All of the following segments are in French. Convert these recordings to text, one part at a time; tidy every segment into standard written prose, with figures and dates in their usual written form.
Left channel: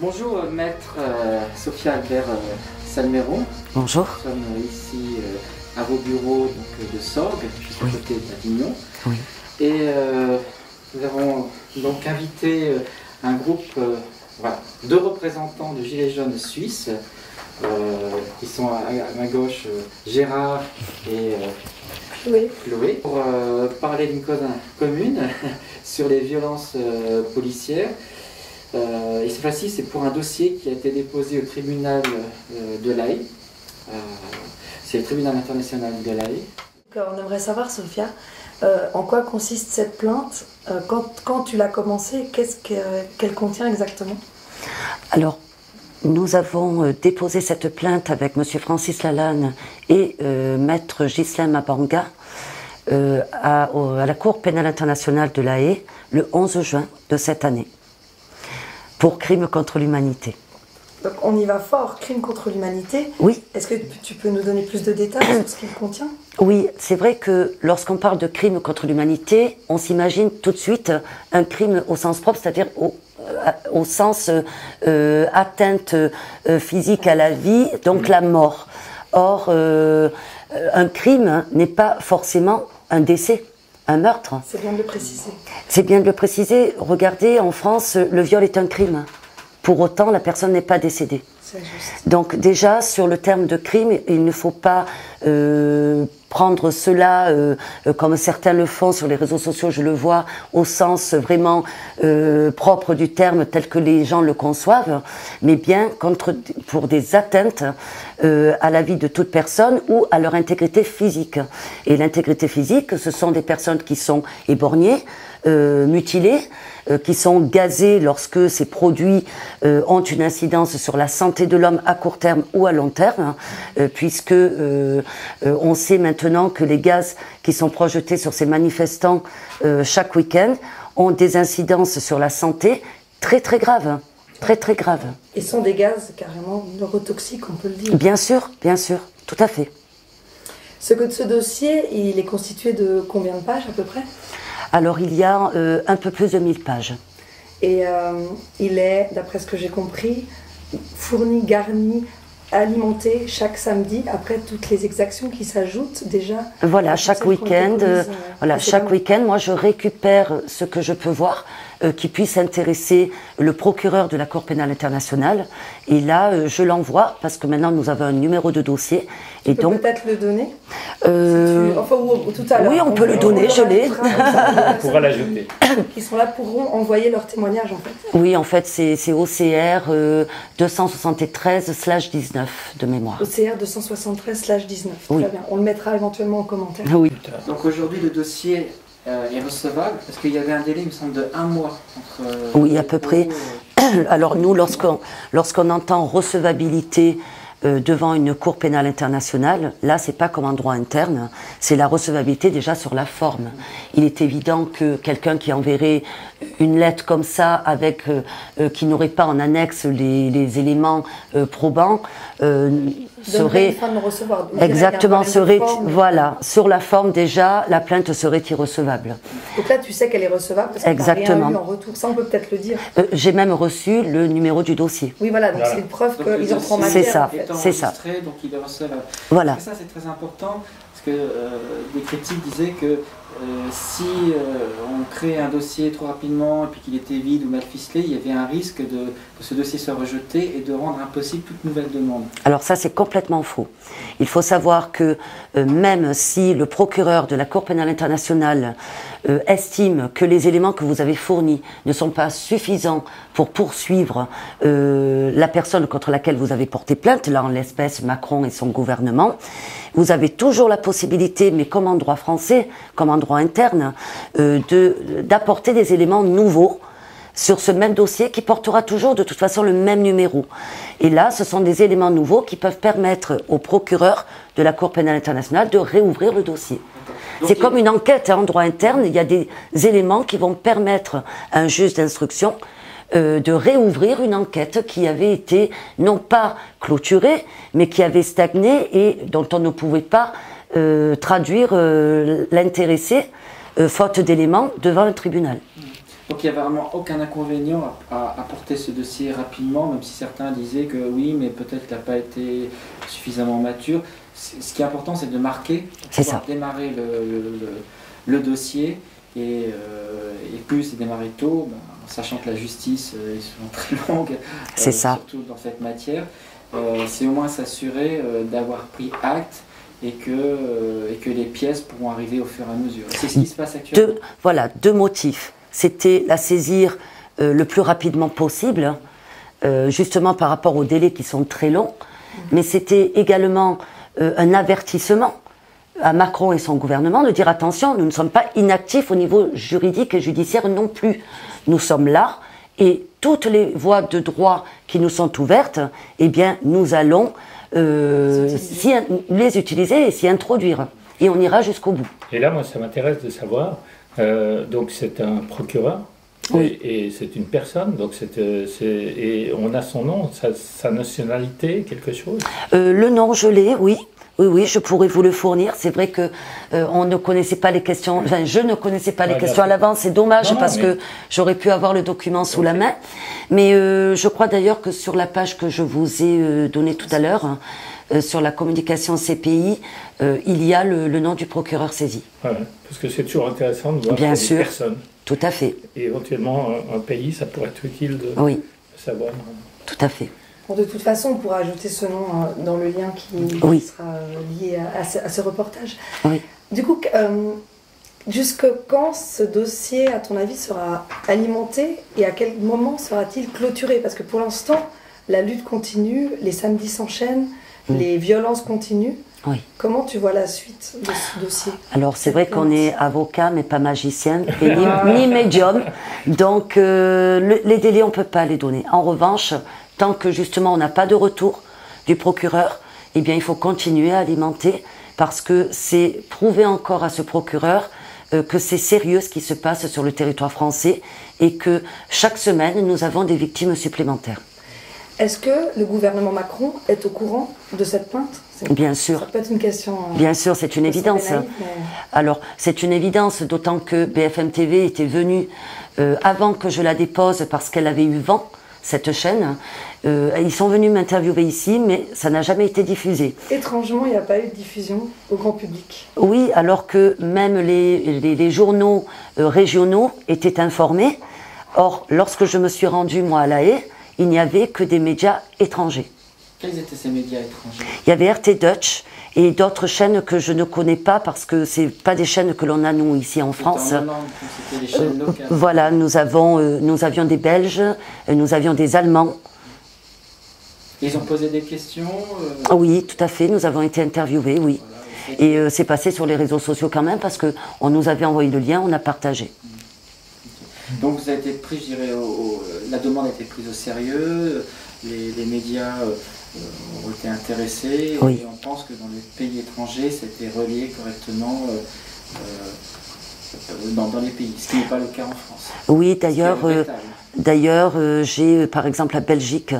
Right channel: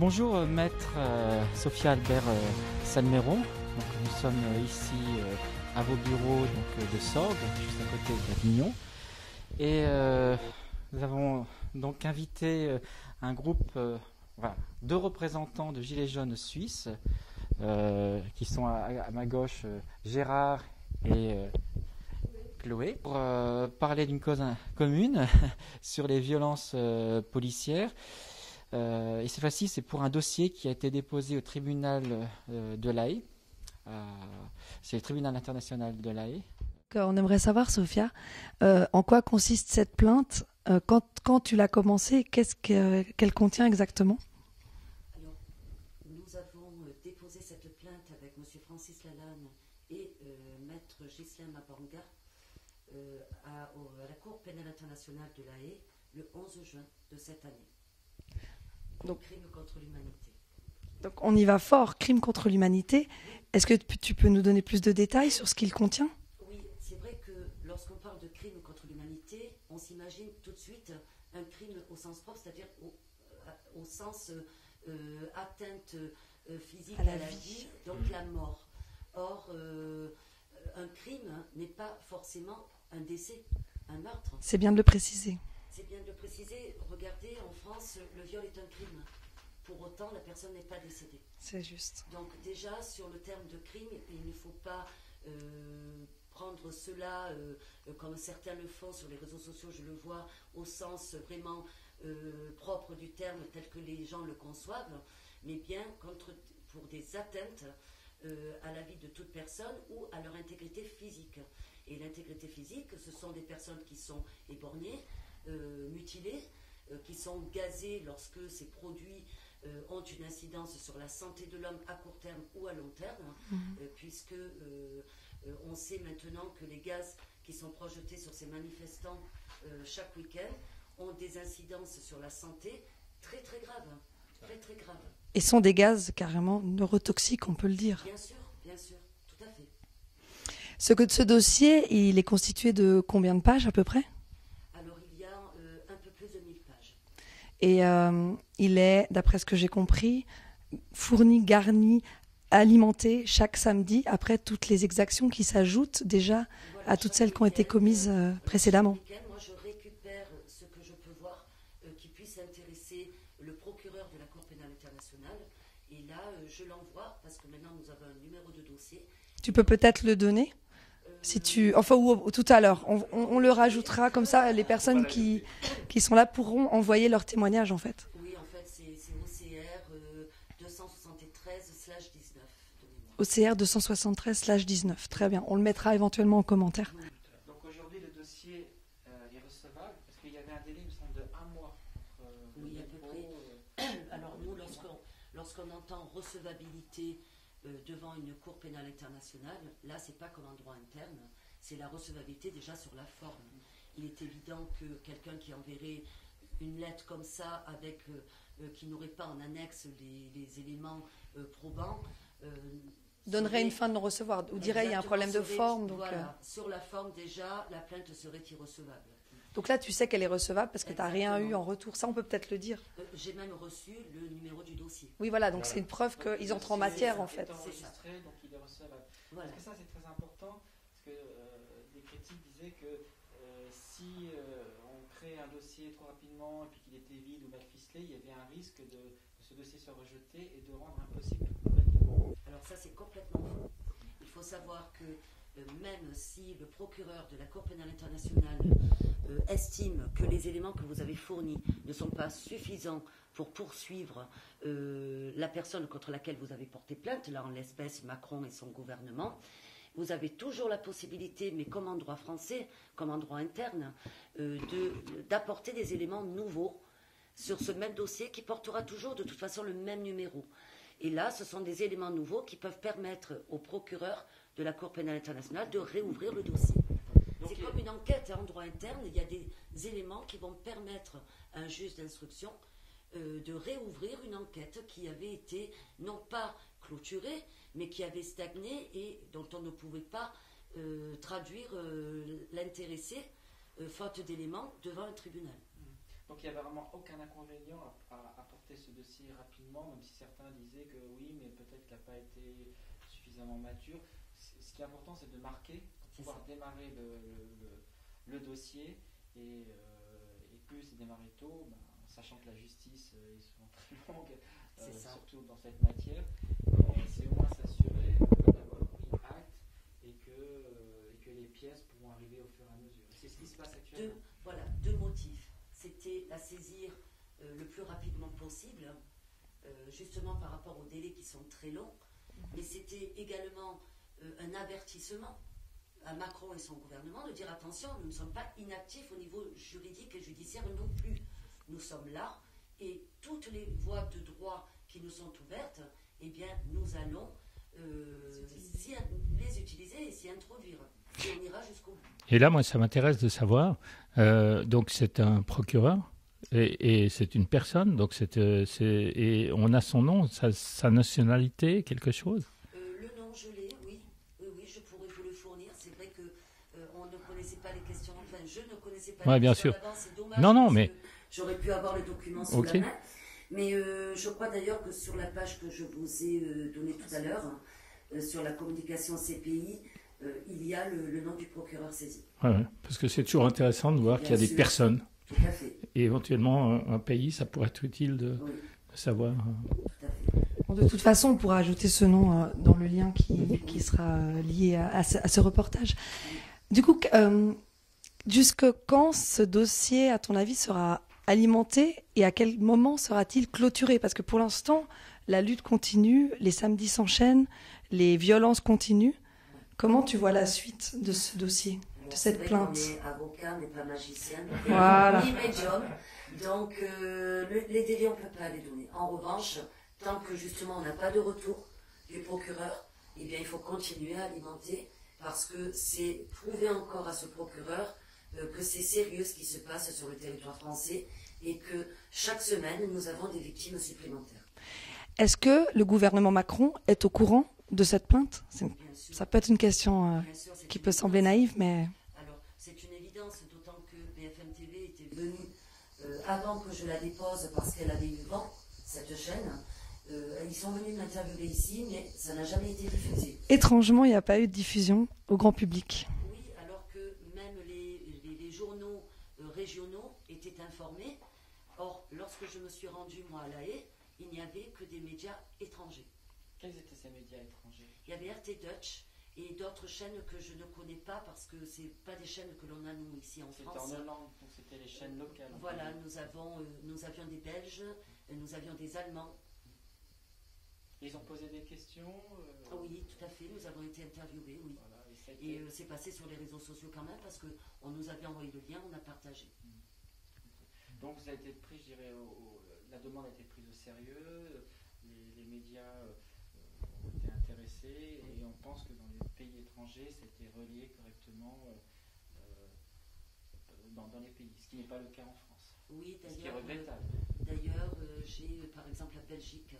Bonjour maître Sophia Albert Salmeron. Bonjour. Nous sommes ici à vos bureaux donc, de Sorgues, juste à côté d'Avignon. Oui. Et nous avons donc invité un groupe de représentants de Gilets jaunes suisses qui sont à ma gauche Gérard et Chloé pour parler d'une cause commune sur les violences policières. Et cette fois-ci, c'est pour un dossier qui a été déposé au tribunal de La Haye. C'est le tribunal international de La Haye. On aimerait savoir, Sophia, en quoi consiste cette plainte, quand tu l'as commencée, qu'elle contient exactement? Alors, nous avons déposé cette plainte avec M. Francis Lalanne et Maître Ghislain Mabanga à la Cour pénale internationale de La Haye le 11 juin de cette année, pour crime contre l'humanité. Donc on y va fort, crime contre l'humanité. Oui. Est-ce que tu peux nous donner plus de détails sur ce qu'il contient? Oui, c'est vrai que lorsqu'on parle de crime contre l'humanité, on s'imagine tout de suite un crime au sens propre, c'est-à-dire au sens atteinte physique à la vie, donc la mort. Or, un crime n'est pas forcément un décès, un meurtre. C'est bien de le préciser. C'est bien de le préciser. Regardez, en France, le viol est un crime. Pour autant, la personne n'est pas décédée. C'est juste. Donc déjà, sur le terme de crime, il ne faut pas prendre cela, comme certains le font sur les réseaux sociaux, je le vois, au sens vraiment propre du terme tel que les gens le conçoivent, mais bien pour des atteintes à la vie de toute personne ou à leur intégrité physique. Et l'intégrité physique, ce sont des personnes qui sont éborgnées, mutilées, qui sont gazés lorsque ces produits ont une incidence sur la santé de l'homme à court terme ou à long terme, puisque on sait maintenant que les gaz qui sont projetés sur ces manifestants chaque week-end ont des incidences sur la santé très très graves. Très très graves. Et sont des gaz carrément neurotoxiques, on peut le dire. Bien sûr, tout à fait. Ce dossier, il est constitué de combien de pages à peu près? Alors, il y a un peu plus de 1000 pages. Et il est, d'après ce que j'ai compris, fourni, garni, alimenté chaque samedi, après toutes les exactions qui s'ajoutent déjà. Voilà, chaque week-end, moi je récupère ce que je peux voir qui puisse intéresser le procureur de la Cour pénale internationale. Et là, je l'envoie, parce que maintenant nous avons un numéro de dossier. Tu peux peut-être le donner Enfin, ou tout à l'heure. Oui, on peut le donner, je l'ai. On pourra l'ajouter. Qui sont là pourront envoyer leur témoignage, en fait. Oui, en fait, c'est OCR 273/19 de mémoire. OCR 273/19, oui. Très bien. On le mettra éventuellement en commentaire. Oui. Donc aujourd'hui, le dossier est recevable, parce qu'il y avait un délai, il me semble, de 1 mois. Entre, oui, à peu près. Alors nous, lorsqu'on entend recevabilité devant une cour pénale internationale, là, c'est pas comme en droit interne, c'est la recevabilité déjà sur la forme. Il est évident que quelqu'un qui enverrait une lettre comme ça, avec qui n'aurait pas en annexe les éléments probants, serait exactement voilà, sur la forme déjà, la plainte serait irrecevable. Donc là, tu sais qu'elle est recevable parce qu'on n'a rien eu en retour. Ça, on peut peut-être le dire. J'ai même reçu le numéro du dossier. Oui, voilà, donc c'est une preuve qu'ils en prennent matière. C'est ça, en fait. c'est ça. Donc il est recevable. Voilà. Et ça, c'est très important parce que des critiques disaient que si on crée un dossier trop rapidement et puis qu'il était vide ou mal ficelé, il y avait un risque que ce dossier soit rejeté et de rendre impossible toute nouvelle demande. Alors ça, c'est complètement faux. Il faut savoir que même si le procureur de la Cour pénale internationale estime que les éléments que vous avez fournis ne sont pas suffisants pour poursuivre la personne contre laquelle vous avez porté plainte, là en l'espèce Macron et son gouvernement, vous avez toujours la possibilité, mais comme en droit français, comme en droit interne, d'apporter des éléments nouveaux sur ce même dossier qui portera toujours de toute façon le même numéro. Et là, ce sont des éléments nouveaux qui peuvent permettre au procureur de la Cour pénale internationale de réouvrir le dossier. C'est comme une enquête en droit interne, il y a des éléments qui vont permettre à un juge d'instruction de réouvrir une enquête qui avait été non pas clôturée, mais qui avait stagné et dont on ne pouvait pas traduire l'intéressé, faute d'éléments, devant un tribunal. Donc il n'y a vraiment aucun inconvénient à porter ce dossier rapidement, même si certains disaient que oui, mais peut-être qu'il n'a pas été suffisamment mature. Ce qui est important, c'est de marquer, pour pouvoir démarrer le dossier, et plus c'est démarré tôt, sachant que la justice est souvent très longue, surtout dans cette matière, c'est au moins s'assurer d'avoir pris acte et que les pièces pourront arriver au fur et à mesure. C'est ce qui se passe actuellement. Voilà, deux motifs. C'était la saisir le plus rapidement possible, justement par rapport aux délais qui sont très longs, mais c'était également un avertissement à Macron et son gouvernement de dire attention, nous ne sommes pas inactifs au niveau juridique et judiciaire non plus. Nous sommes là et toutes les voies de droit qui nous sont ouvertes, eh bien nous allons les utiliser et s'y introduire. Et on ira jusqu'au bout. Et là, moi, ça m'intéresse de savoir, donc c'est un procureur, et c'est une personne, donc et on a son nom, sa nationalité, quelque chose? Le nom, je l'ai, oui. Oui, je pourrais vous le fournir. C'est vrai que on ne connaissait pas les questions. Enfin, je ne connaissais pas les questions à l'avance. C'est dommage que j'aurais pu avoir le document sous la main. Mais je crois d'ailleurs que sur la page que je vous ai donnée tout à l'heure, sur la communication CPI, il y a le nom du procureur saisi. Ouais, parce que c'est toujours intéressant de voir qu'il y a des personnes. Tout à fait. Et éventuellement un pays, ça pourrait être utile de savoir. Tout à fait. Bon, de toute façon, on pourra ajouter ce nom dans le lien qui sera lié à ce reportage. Oui. Du coup, jusque quand ce dossier, à ton avis, sera alimenté et à quel moment sera-t-il clôturé? Parce que pour l'instant, la lutte continue, les samedis s'enchaînent, les violences continuent. Oui. Comment tu vois la suite de ce dossier? Alors c'est vrai qu'on est avocat mais pas magicien et ni médium, donc les délais on ne peut pas les donner. En revanche, tant que justement on n'a pas de retour du procureur, eh bien il faut continuer à alimenter parce que c'est prouver encore à ce procureur que c'est sérieux ce qui se passe sur le territoire français et que chaque semaine nous avons des victimes supplémentaires. Est-ce que le gouvernement Macron est au courant de cette plainte? Bien sûr. Ça peut être une question. Bien sûr, c'est une évidence. Naïf, mais... Alors, c'est une évidence, d'autant que BFM TV était venue avant que je la dépose parce qu'elle avait eu vent, cette chaîne. Ils sont venus m'interviewer ici, mais ça n'a jamais été diffusé. Étrangement, il n'y a pas eu de diffusion au grand public. Oui, alors que même les journaux régionaux étaient informés. Or, lorsque je me suis rendue, moi, à La Haye, il n'y avait que des médias étrangers. Quels étaient ces médias étrangers? Il y avait RT Dutch et d'autres chaînes que je ne connais pas parce que ce n'est pas des chaînes que l'on a nous ici en France. C'était des chaînes locales. Voilà, nous avions des Belges, nous avions des Allemands. Ils ont posé des questions Oui, tout à fait, nous avons été interviewés, oui. Voilà, et c'est passé sur les réseaux sociaux quand même parce qu'on nous avait envoyé le lien, on a partagé. Donc vous avez été pris, je dirais, la demande a été prise au sérieux, les médias ont été intéressés, et on pense que dans les pays étrangers, c'était relié correctement dans les pays, ce qui n'est pas le cas en France. Oui, d'ailleurs, j'ai par exemple la Belgique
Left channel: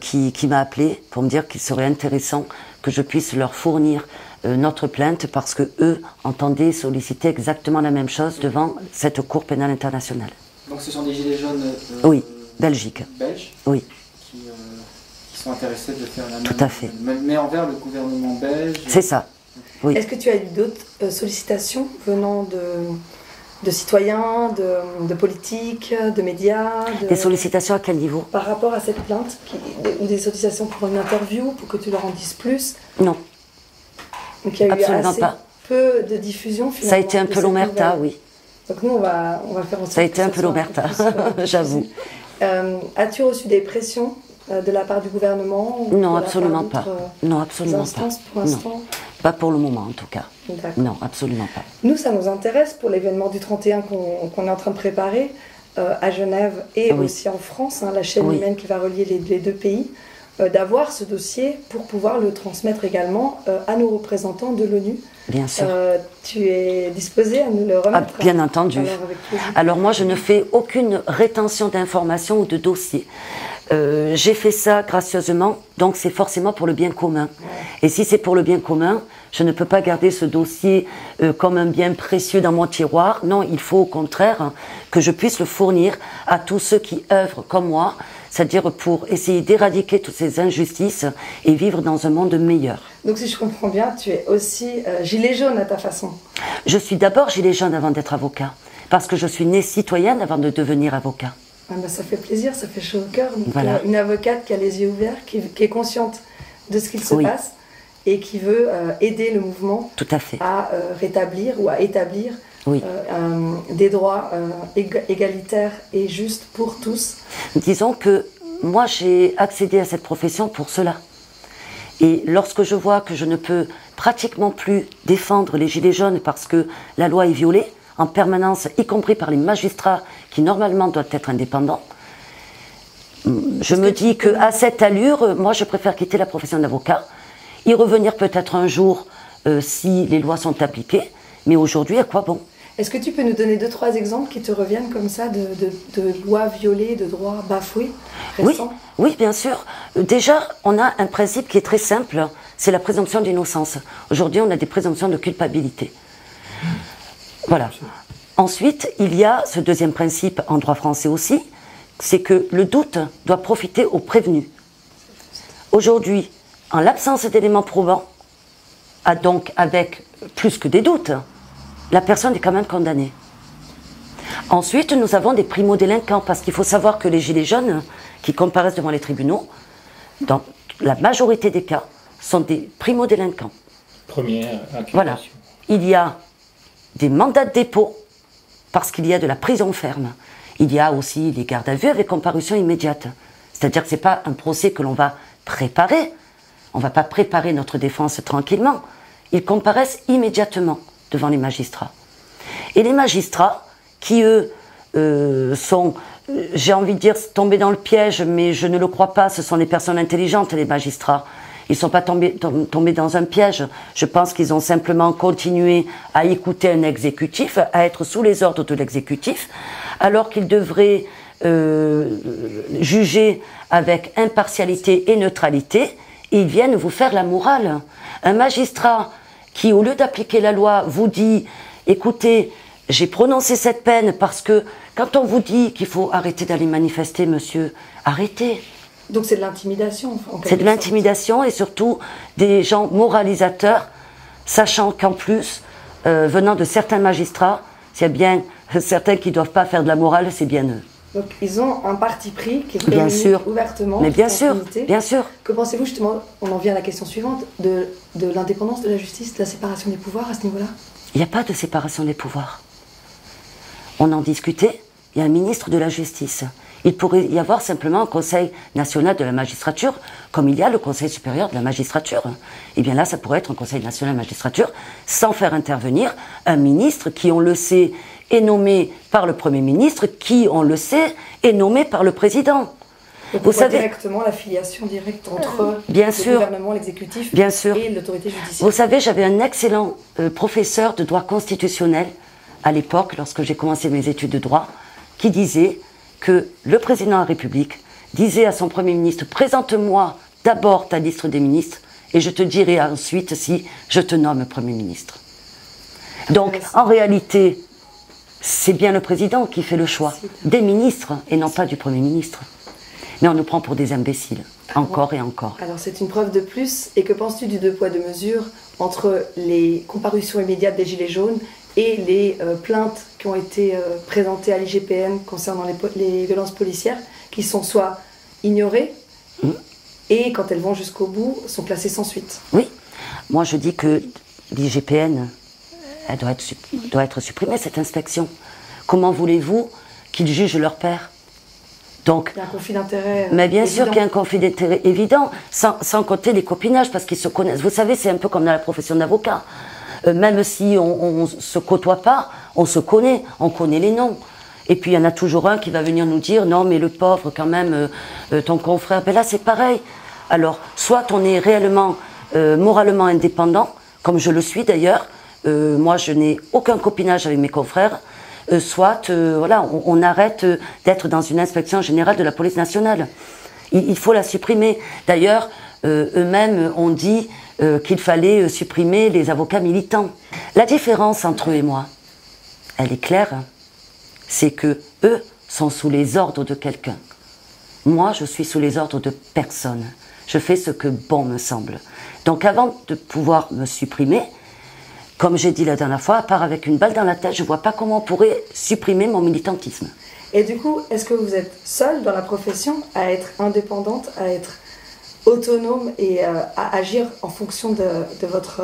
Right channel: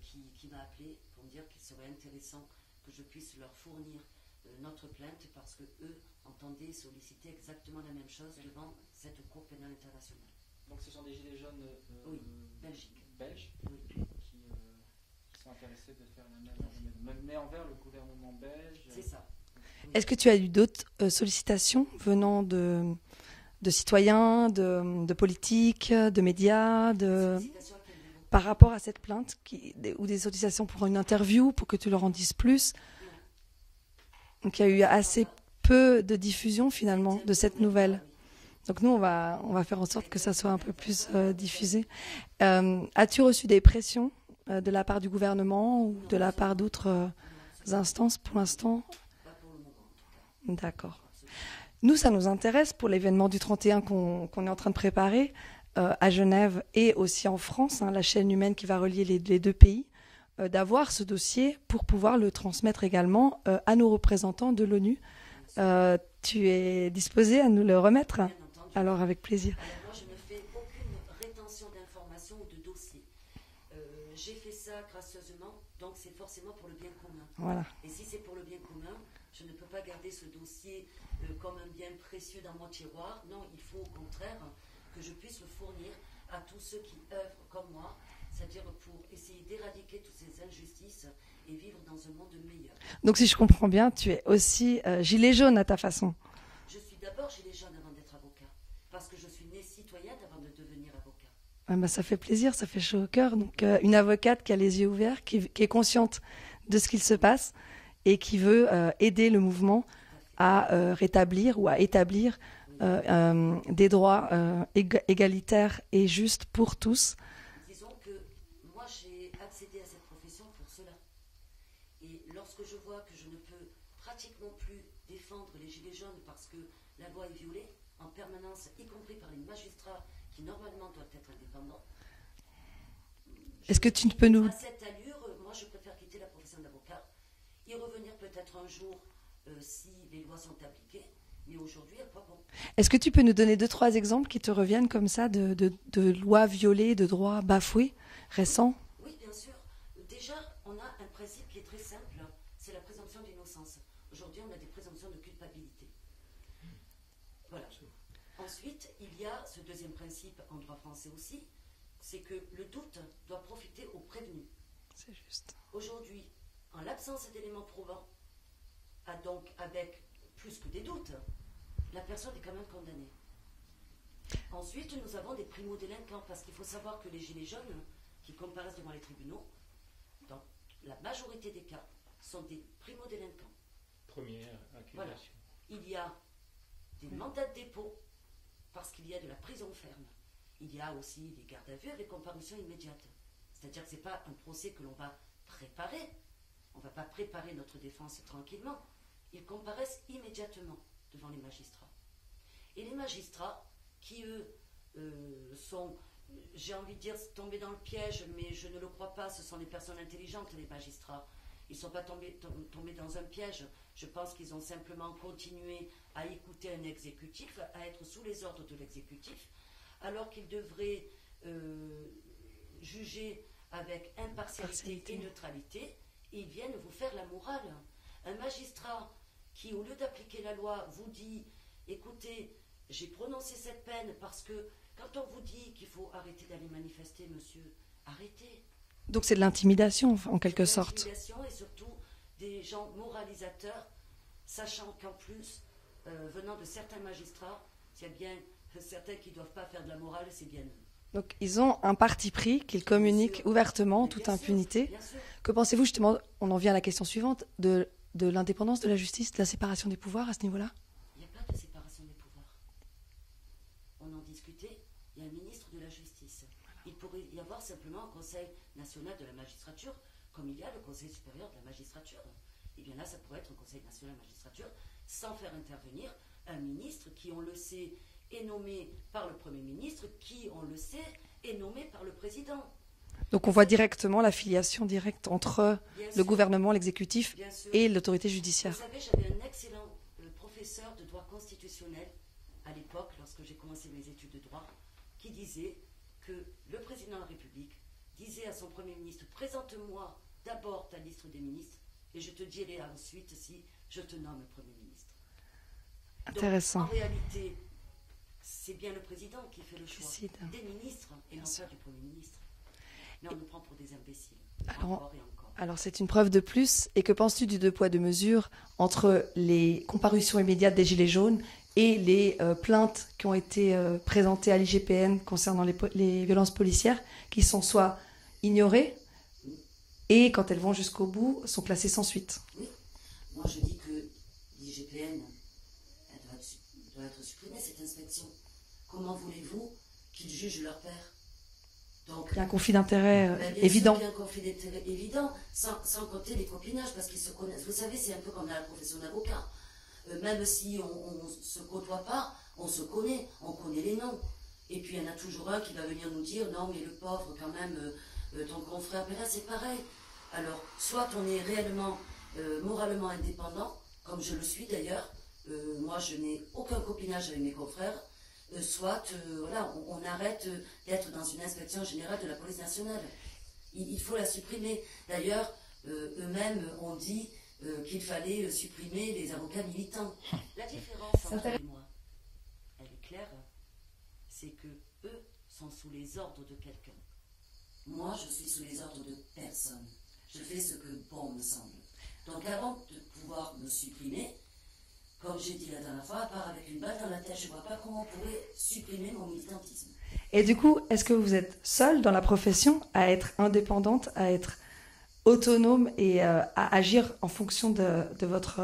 qui m'a appelé pour me dire qu'il serait intéressant que je puisse leur fournir notre plainte parce que eux entendaient solliciter exactement la même chose devant cette Cour pénale internationale. Donc ce sont des gilets jaunes oui, belges, oui. qui sont intéressés de faire la même Tout à fait. Mais envers le gouvernement belge. C'est ça. Oui. Est-ce que tu as eu d'autres sollicitations venant de citoyens, de politiques, de médias Des sollicitations à quel niveau? Par rapport à cette plainte ou des sollicitations pour une interview, pour que tu leur en dises plus? Non. Donc il y a eu assez peu de diffusion finalement. Ça a été un peu l'omerta, oui. Donc nous on va faire en sorte. Ça a été un peu l'omerta, j'avoue. As-tu reçu des pressions de la part du gouvernement? Non, absolument pas. Non, absolument instances pas. Pour l'instant? Pas pour le moment en tout cas. Non, absolument pas. Nous, ça nous intéresse pour l'événement du 31 qu'on est en train de préparer à Genève et aussi en France, la chaîne humaine qui va relier les deux pays, d'avoir ce dossier pour pouvoir le transmettre également à nos représentants de l'ONU. Bien sûr. Tu es disposé à nous le remettre? Bien entendu. Alors moi, je ne fais aucune rétention d'informations ou de dossiers. J'ai fait ça gracieusement, donc c'est forcément pour le bien commun. Et si c'est pour le bien commun, je ne peux pas garder ce dossier comme un bien précieux dans mon tiroir. Non, il faut au contraire que je puisse le fournir à tous ceux qui œuvrent comme moi, c'est-à-dire pour essayer d'éradiquer toutes ces injustices et vivre dans un monde meilleur. Donc si je comprends bien, tu es aussi gilet jaune à ta façon. Je suis d'abord gilet jaune avant d'être avocat, parce que je suis née citoyenne avant de devenir avocat. Ah ben ça fait plaisir, ça fait chaud au cœur. Donc, voilà. Une avocate qui a les yeux ouverts, qui est consciente de ce qu'il se passe et qui veut aider le mouvement tout à fait. À rétablir ou à établir des droits égalitaires et justes pour tous. Disons que moi j'ai accédé à cette profession pour cela. Et lorsque je vois que je ne peux pratiquement plus défendre les gilets jaunes parce que la loi est violée, en permanence, y compris par les magistrats qui normalement doivent être indépendants. Je me dis qu'à cette allure, moi je préfère quitter la profession d'avocat, y revenir peut-être un jour si les lois sont appliquées, mais aujourd'hui à quoi bon? Est-ce que tu peux nous donner 2-3 exemples qui te reviennent comme ça de lois violées, de droits bafoués récents? Oui, bien sûr. Déjà, on a un principe qui est très simple, c'est la présomption d'innocence. Aujourd'hui, on a des présomptions de culpabilité. Voilà. Ensuite, il y a ce deuxième principe en droit français aussi, c'est que le doute doit profiter au prévenu. Aujourd'hui, en l'absence d'éléments probants, donc avec plus que des doutes, la personne est quand même condamnée. Ensuite, nous avons des primo-délinquants, parce qu'il faut savoir que les gilets jaunes qui comparaissent devant les tribunaux, dans la majorité des cas, sont des primo-délinquants. Première accusation. Voilà. Il y a des mandats de dépôt, parce qu'il y a de la prison ferme. Il y a aussi les gardes à vue avec comparution immédiate. C'est-à-dire que ce n'est pas un procès que l'on va préparer. On ne va pas préparer notre défense tranquillement. Ils comparaissent immédiatement devant les magistrats. Et les magistrats, qui eux sont, j'ai envie de dire, tombés dans le piège, mais je ne le crois pas, ce sont des personnes intelligentes, les magistrats. Ils ne sont pas tombés dans un piège. Je pense qu'ils ont simplement continué à écouter un exécutif, à être sous les ordres de l'exécutif, alors qu'ils devraient juger avec impartialité et neutralité. Ils viennent vous faire la morale. Un magistrat qui, au lieu d'appliquer la loi, vous dit « Écoutez, j'ai prononcé cette peine parce que quand on vous dit qu'il faut arrêter d'aller manifester, monsieur, arrêtez ». Donc c'est de l'intimidation. C'est de l'intimidation et surtout des gens moralisateurs, sachant qu'en plus, venant de certains magistrats, s'il y a bien certains qui ne doivent pas faire de la morale, c'est bien eux. Donc ils ont un parti pris qui bien sûr. Ouvertement. Mais bien sûr, bien sûr. Que pensez-vous justement, on en vient à la question suivante, de l'indépendance de la justice, de la séparation des pouvoirs à ce niveau-là? Il n'y a pas de séparation des pouvoirs. On en discutait, il y a un ministre de la Justice. Il pourrait y avoir simplement un Conseil national de la magistrature, comme il y a le Conseil supérieur de la magistrature. Et bien là, ça pourrait être un Conseil national de la magistrature, sans faire intervenir un ministre qui, on le sait, est nommé par le Premier ministre, qui, on le sait, est nommé par le Président. Donc vous savez directement la filiation directe entre bien le sûr, gouvernement, l'exécutif et l'autorité judiciaire. Vous savez, j'avais un excellent professeur de droit constitutionnel à l'époque, lorsque j'ai commencé mes études de droit, qui disait que le président de la République disait à son Premier ministre « Présente-moi d'abord ta liste des ministres et je te dirai ensuite si je te nomme Premier ministre. » Donc, en réalité, c'est bien le président qui fait le choix des ministres et non pas du Premier ministre. Mais on nous prend pour des imbéciles, encore et encore. Alors, c'est une preuve de plus. Et que penses-tu du 2 poids 2 mesures entre les comparutions immédiates des Gilets jaunes et les plaintes qui ont été présentées à l'IGPN concernant les violences policières, qui sont soit ignorées et, quand elles vont jusqu'au bout, sont classées sans suite? Oui, moi je dis que l'IGPN, elle doit être supprimée, cette inspection. Comment voulez-vous qu'ils jugent leur père? Donc, il y a un conflit d'intérêt mais bien évident. sûr qu'il y a un conflit d'intérêt évident, sans compter les copinages, parce qu'ils se connaissent. Vous savez, c'est un peu comme dans la profession d'avocat. Même si on ne se côtoie pas, on se connaît, on connaît les noms. Et puis il y en a toujours un qui va venir nous dire « Non, mais le pauvre, quand même, ton confrère... » Ben là, c'est pareil. Alors, soit on est réellement, moralement indépendant, comme je le suis d'ailleurs. Moi, je n'ai aucun copinage avec mes confrères. Soit, voilà, on arrête d'être dans une inspection générale de la police nationale. Il faut la supprimer. D'ailleurs, eux-mêmes ont dit qu'il fallait supprimer les avocats militants. La différence entre eux et moi, elle est claire, c'est que eux sont sous les ordres de quelqu'un. Moi, je suis sous les ordres de personne. Je fais ce que bon me semble. Donc avant de pouvoir me supprimer, comme j'ai dit la dernière fois, à part avec une balle dans la tête, je ne vois pas comment on pourrait supprimer mon militantisme. Et du coup, est-ce que vous êtes seule dans la profession à être indépendante, à être autonome et à agir en fonction de votre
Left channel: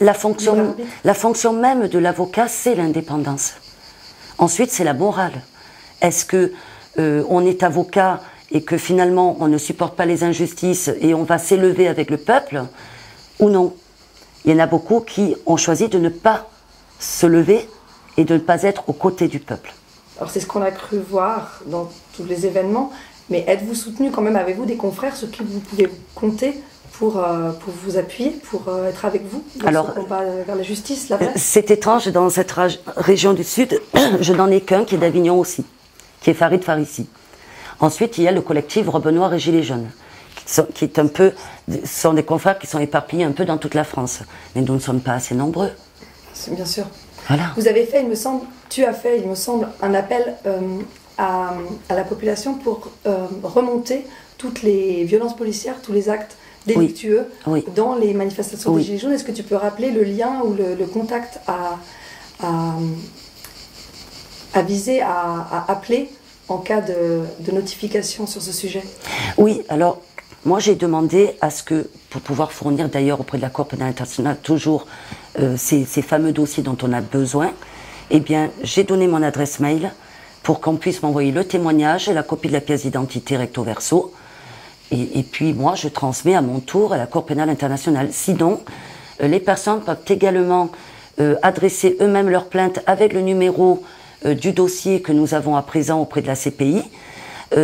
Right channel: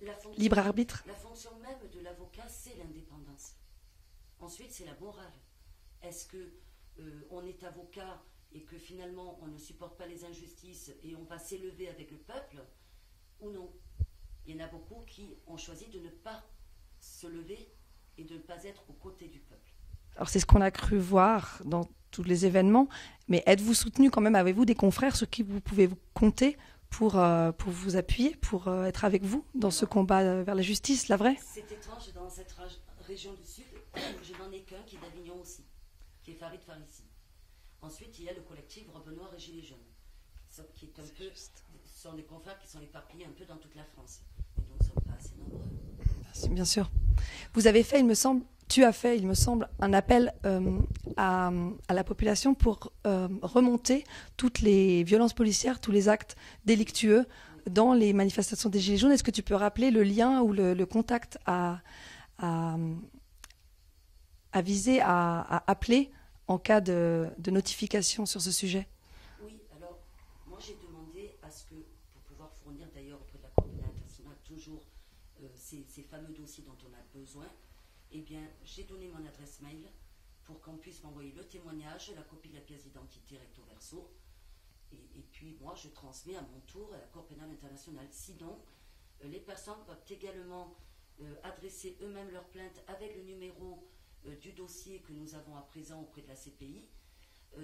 la fonction même de l'avocat, c'est l'indépendance. Ensuite, c'est la morale. Est-ce que on est avocat et que finalement on ne supporte pas les injustices et on va s'élever avec le peuple ou non? Il y en a beaucoup qui ont choisi de ne pas se lever et de ne pas être aux côtés du peuple. Alors c'est ce qu'on a cru voir dans tous les événements, mais êtes-vous soutenu quand même, avez-vous des confrères sur qui vous pouvez compter pour vous appuyer, pour être avec vous dans ce combat vers la justice, la vraie? C'est étrange, dans cette région du Sud, je n'en ai qu'un qui est d'Avignon aussi, qui est Farid Farissi. Ensuite, il y a le collectif Robe Noire et Gilets jaunes, qui est un peu, sont des confrères qui sont éparpillés un peu dans toute la France. Mais nous ne sommes pas assez nombreux. Bien sûr. Voilà. Vous avez fait, tu as fait, il me semble, un appel à la population pour remonter toutes les violences policières, tous les actes délictueux dans les manifestations des Gilets jaunes. Est-ce que tu peux rappeler le lien ou le contact à viser, à appeler en cas de notification sur ce sujet? Oui, alors moi j'ai demandé à ce que, pour pouvoir fournir d'ailleurs auprès de la Cour pénale internationale toujours ces fameux dossiers dont on a besoin, eh bien j'ai donné mon adresse mail pour qu'on puisse m'envoyer le témoignage et la copie de la pièce d'identité recto verso. Et puis moi je transmets à mon tour à la Cour pénale internationale. Sinon, les personnes peuvent également adresser eux-mêmes leur plainte avec le numéro du dossier que nous avons à présent auprès de la CPI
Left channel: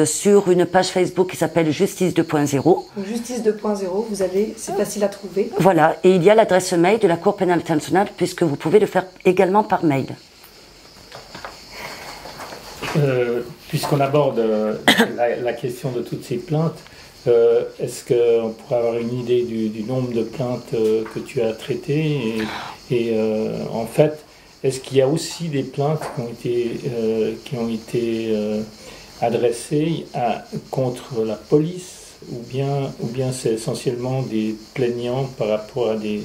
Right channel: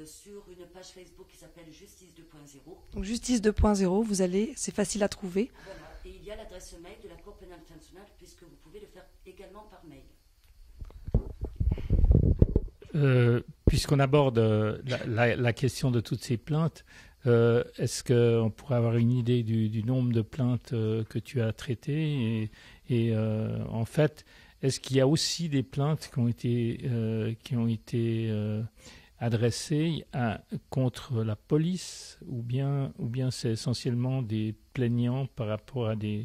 sur une page Facebook qui s'appelle Justice 2.0. Justice 2.0, vous allez, c'est facile à trouver. Voilà, et il y a l'adresse mail de la Cour pénale internationale puisque vous pouvez le faire également par mail. Puisqu'on aborde la question de toutes ces plaintes, est-ce qu'on pourrait avoir une idée du nombre de plaintes que tu as traitées et en fait, est-ce qu'il y a aussi des plaintes qui ont été adressées contre la police ou bien c'est essentiellement des plaignants par rapport à des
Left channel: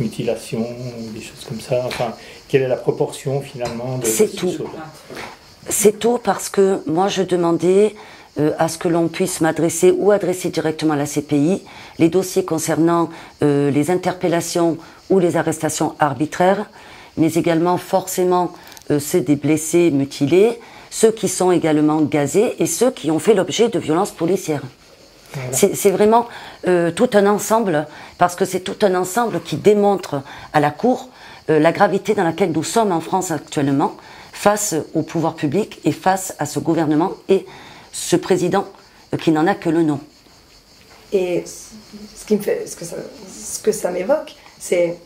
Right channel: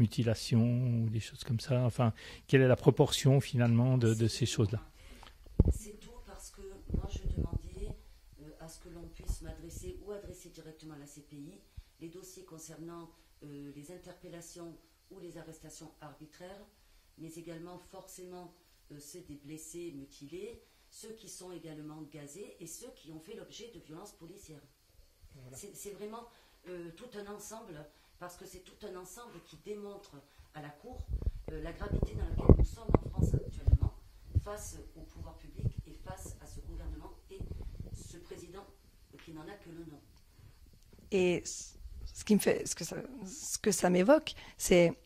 mutilations ou des choses comme ça? Enfin, quelle est la proportion finalement de ces choses-là? C'est tout parce que moi je demandais à ce que l'on puisse m'adresser ou adresser directement à la CPI les dossiers concernant les interpellations ou les arrestations arbitraires, mais également forcément ceux des blessés mutilés, ceux qui sont également gazés et ceux qui ont fait l'objet de violences policières. Voilà. C'est vraiment tout un ensemble, parce que c'est tout un ensemble qui démontre à la Cour la gravité dans laquelle nous sommes en France actuellement, face au pouvoir public et face à ce gouvernement et ce président qui n'en a que le nom. Et ce que ça m'évoque, c'est,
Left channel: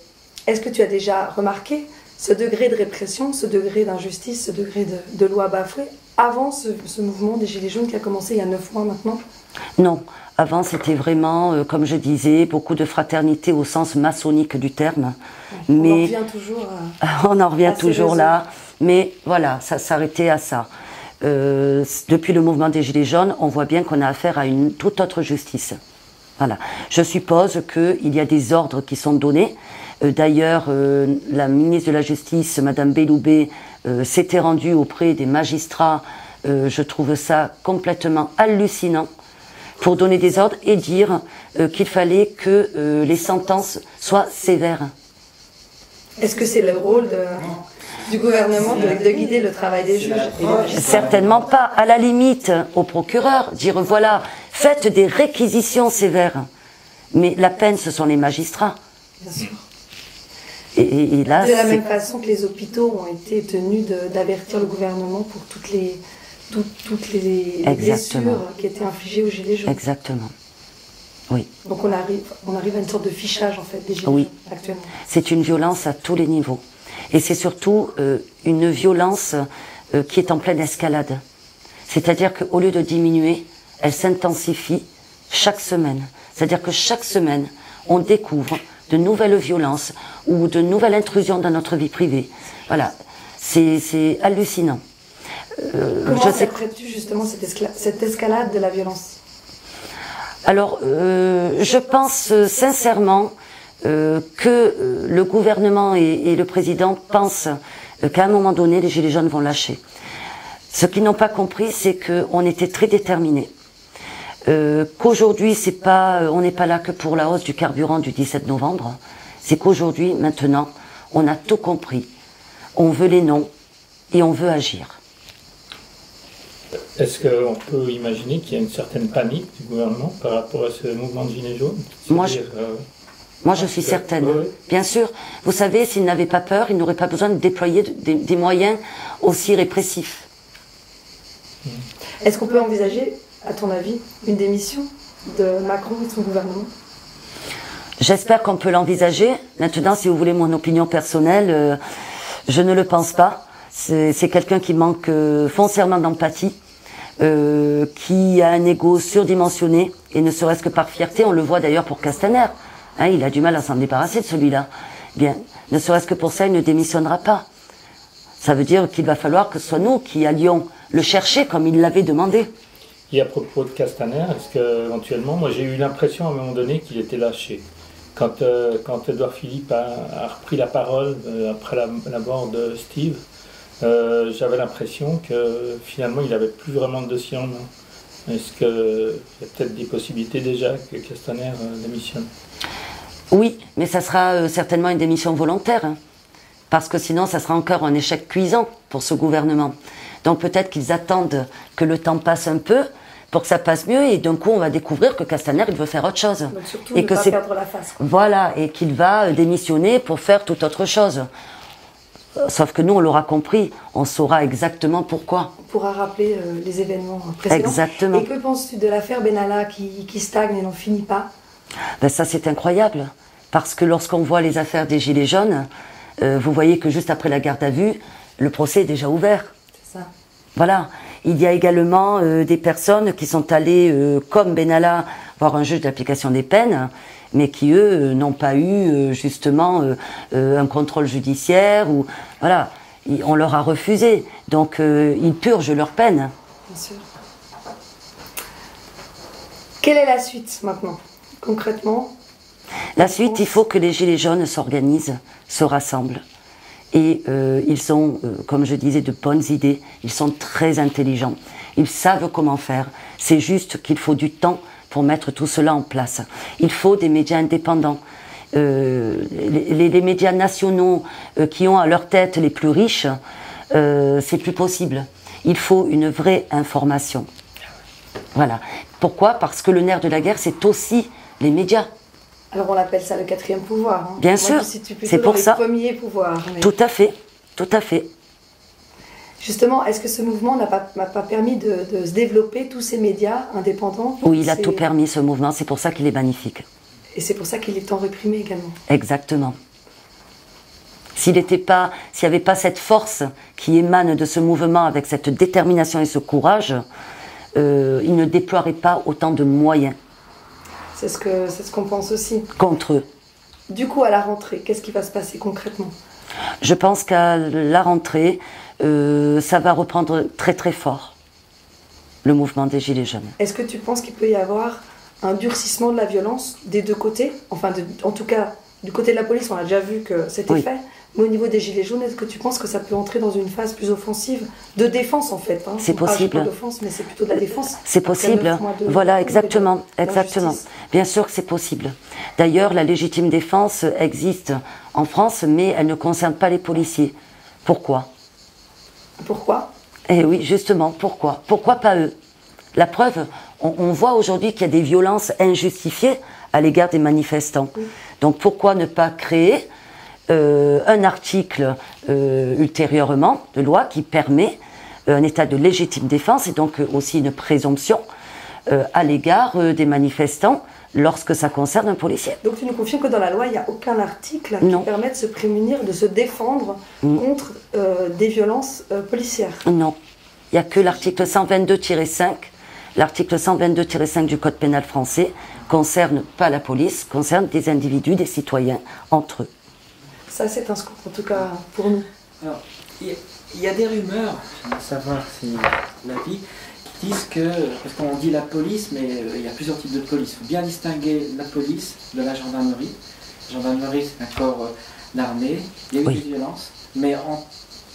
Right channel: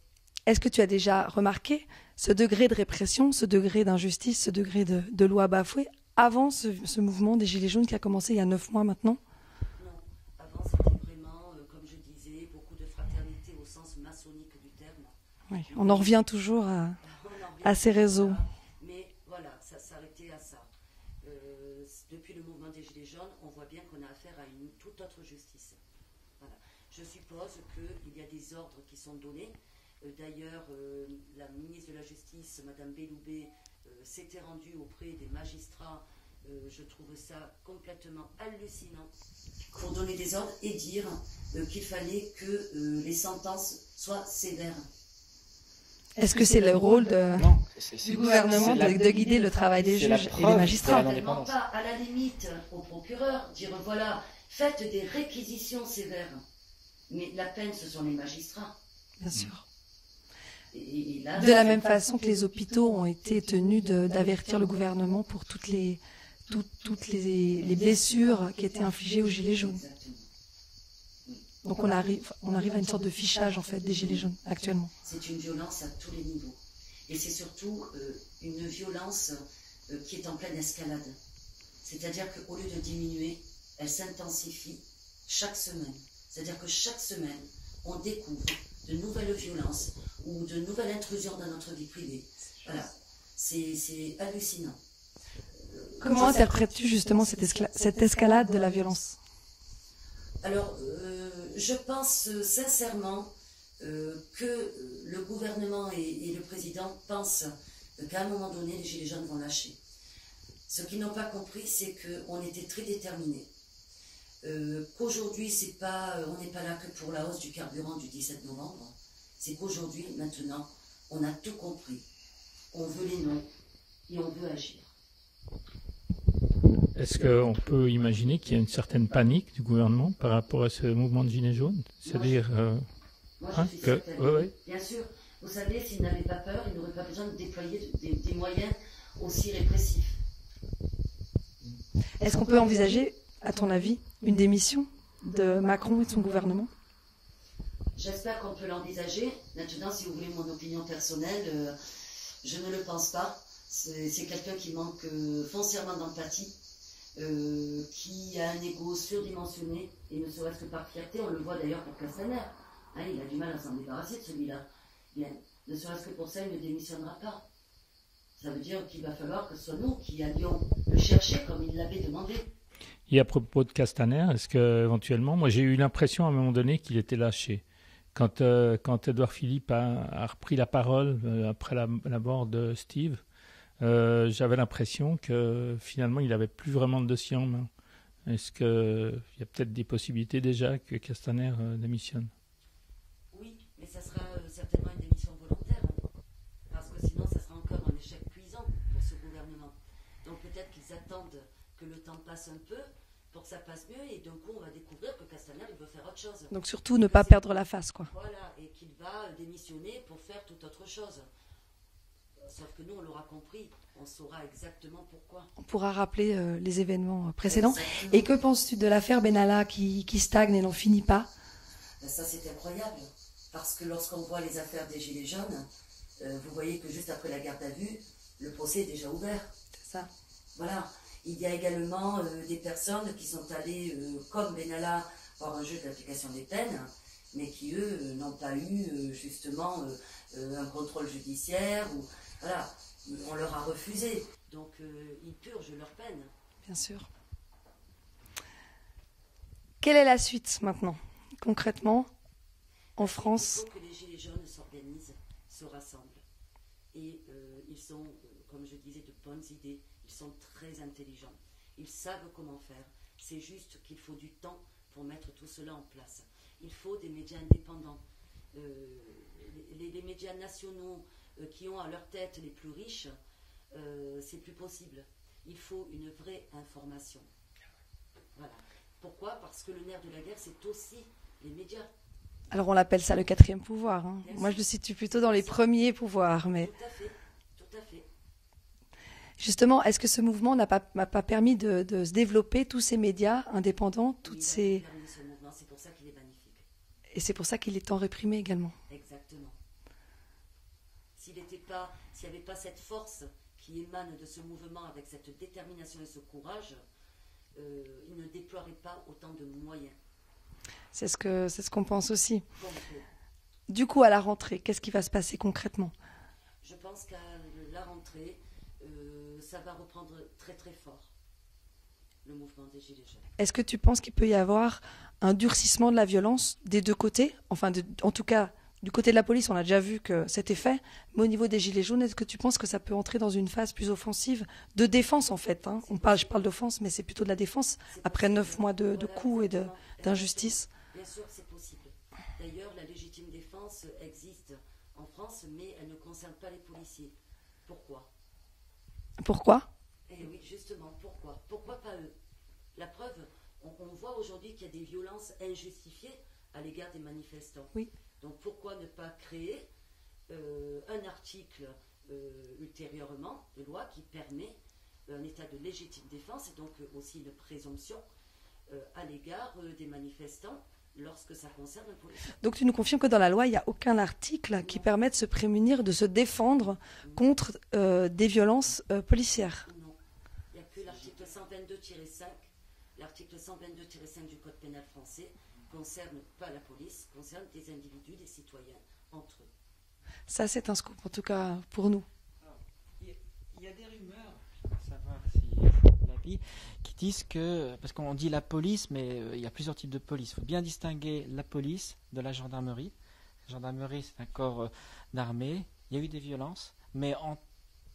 est-ce que tu as déjà remarqué ce degré de répression, ce degré d'injustice, ce degré de loi bafouée avant ce mouvement des Gilets jaunes qui a commencé il y a 9 mois maintenant? Non, avant c'était vraiment, comme je disais, beaucoup de fraternité au sens maçonnique du terme. Mais on en revient toujours on en revient toujours là, mais voilà, ça s'arrêtait à ça. Depuis le mouvement des Gilets jaunes, on voit bien qu'on a affaire à une toute autre justice. Voilà. Je suppose qu'il y a des ordres qui sont donnés. D'ailleurs, la ministre de la Justice, Madame Belloubet, s'était rendue auprès des magistrats. Je trouve ça complètement hallucinant pour donner des ordres et dire qu'il fallait que les sentences soient sévères. Est-ce que c'est le rôle du gouvernement de guider le travail des juges et des magistrats? Certainement pas. À la limite, au procureur, dire voilà, faites des réquisitions sévères. Mais la peine, ce sont les magistrats. Bien sûr. Et là, de la même façon que les hôpitaux ont été tenus d'avertir le gouvernement pour toutes les blessures qui étaient infligées aux Gilets jaunes. Exactement. Oui. Donc on arrive à une sorte de fichage en fait des Gilets jaunes actuellement. C'est une violence à tous les niveaux. Et c'est surtout une violence qui est en pleine escalade. C'est-à-dire qu'au lieu de diminuer, elle s'intensifie chaque semaine. C'est-à-dire que chaque semaine, on découvre de nouvelles violences ou de nouvelles intrusions dans notre vie privée. Voilà, c'est hallucinant. Comment interprètes-tu justement cette escalade de la violence? Alors, je pense sincèrement que le gouvernement et le président pensent qu'à un moment donné, les Gilets jaunes vont lâcher. Ce qu'ils n'ont pas compris, c'est qu'on était très déterminés. Qu'aujourd'hui, on n'est pas là que pour la hausse du carburant du 17 novembre. C'est qu'aujourd'hui, maintenant, on a tout compris. On veut les noms et on veut agir. Est-ce qu'on peut imaginer qu'il y a une certaine panique du gouvernement par rapport à ce mouvement de Gilets jaunes? Moi, je suis certaine. Bien sûr. Vous savez, s'ils n'avaient pas peur, ils n'auraient pas besoin de déployer des moyens aussi répressifs. Est-ce qu'on peut envisager, à ton avis, une démission de Macron et de son gouvernement? J'espère qu'on peut l'envisager. Maintenant, si vous voulez mon opinion personnelle, je ne le pense pas. C'est quelqu'un qui manque foncièrement d'empathie, qui a un ego surdimensionné, et ne serait-ce que par fierté, on le voit d'ailleurs pour Castaner. Hein, il a du mal à s'en débarrasser de celui-là. Bien, ne serait-ce que pour ça, il ne démissionnera pas. Ça veut dire qu'il va falloir que ce soit nous qui allions le chercher comme il l'avait demandé. Et à propos de Castaner, est-ce qu'éventuellement, moi j'ai eu l'impression à un moment donné qu'il était lâché. Quand Édouard Philippe a repris la parole après la mort de Steve, j'avais l'impression que finalement il n'avait plus vraiment de dossier en main. Est-ce qu'il y a peut-être des possibilités déjà que Castaner démissionne? Oui, mais ça sera certainement une démission volontaire, hein, parce que sinon ça sera encore un échec cuisant pour ce gouvernement. Donc peut-être qu'ils attendent que le temps passe un peu pour que ça passe mieux, et d'un coup on va découvrir que Castaner il veut faire autre chose. Donc surtout ne pas perdre la face. Voilà, et qu'il va démissionner pour faire toute autre chose. Sauf que nous, on l'aura compris, on saura exactement pourquoi. On pourra rappeler les événements précédents. Exactement. Et que penses-tu de l'affaire Benalla qui stagne et n'en finit pas? Ben ça, c'est incroyable. Parce que lorsqu'on voit les affaires des Gilets jaunes, vous voyez que juste après la garde à vue, le procès est déjà ouvert. C'est ça. Voilà. Il y a également des personnes qui sont allées, comme Benalla, voir un juge d'application des peines, mais qui, eux, n'ont pas eu, justement, un contrôle judiciaire. Ou voilà, on leur a refusé. Donc, ils purgent leur peine. Bien sûr. Quelle est la suite, maintenant, concrètement? La suite, il faut que les Gilets jaunes s'organisent, se rassemblent. Et ils ont, comme je disais, de bonnes idées. Ils sont très intelligents. Ils savent comment faire. C'est juste qu'il faut du temps pour mettre tout cela en place. Il faut des médias indépendants. Les médias nationaux qui ont à leur tête les plus riches, c'est plus possible. Il faut une vraie information. Voilà. Pourquoi? Parce que le nerf de la guerre, c'est aussi les médias. Alors on l'appelle ça le quatrième pouvoir. Hein. Bien sûr, c'est pour ça. Le premier pouvoir. Mais... Tout à fait, tout à fait. Justement, est-ce que ce mouvement n'a pas permis de se développer, tous ces médias indépendants? Oui, il a tout permis, ce mouvement, c'est pour ça qu'il est magnifique. Et c'est pour ça qu'il est tant réprimé également. Exactement. S'il n'y avait pas cette force qui émane de ce mouvement avec cette détermination et ce courage, il ne déploierait pas autant de moyens. C'est ce qu'on pense aussi. Contre eux. Du coup, à la rentrée, qu'est-ce qui va se passer concrètement? Je pense qu'à la rentrée, ça va reprendre très très fort, le mouvement des Gilets jaunes. Est-ce que tu penses qu'il peut y avoir un durcissement de la violence des deux côtés? Enfin, en tout cas, du côté de la police, on a déjà vu que c'était fait. Mais au niveau des Gilets jaunes, est-ce que tu penses que ça peut entrer dans une phase plus offensive de défense en fait, hein? C'est possible. Pas d'offense, mais c'est plutôt de la défense. C'est possible. Voilà, exactement, exactement. Bien sûr que c'est possible. D'ailleurs, la légitime défense existe en France, mais elle ne concerne pas les policiers. Pourquoi? Pourquoi? Eh oui, justement, pourquoi? Pourquoi pas eux? La preuve, on voit aujourd'hui qu'il y a des violences injustifiées à l'égard des manifestants. Oui. Donc pourquoi ne pas créer un article ultérieurement de loi qui permet un état de légitime défense et donc aussi une présomption à l'égard des manifestants lorsque ça concerne un policier. Donc tu nous confirmes que dans la loi, il n'y a aucun article qui permet de se prémunir, de se défendre contre des violences policières? Non. Il n'y a que l'article 122-5 l'article 122-5 du Code pénal français concerne pas la police, concerne des individus, des citoyens, entre eux. Ça, c'est un scoop, en tout cas pour nous. Alors, il y a des rumeurs, à savoir si l'avis, qui disent que, parce qu'on dit la police, mais il y a plusieurs types de police. Il faut bien distinguer la police de la gendarmerie. La gendarmerie, c'est un corps d'armée, il y a eu des violences, mais en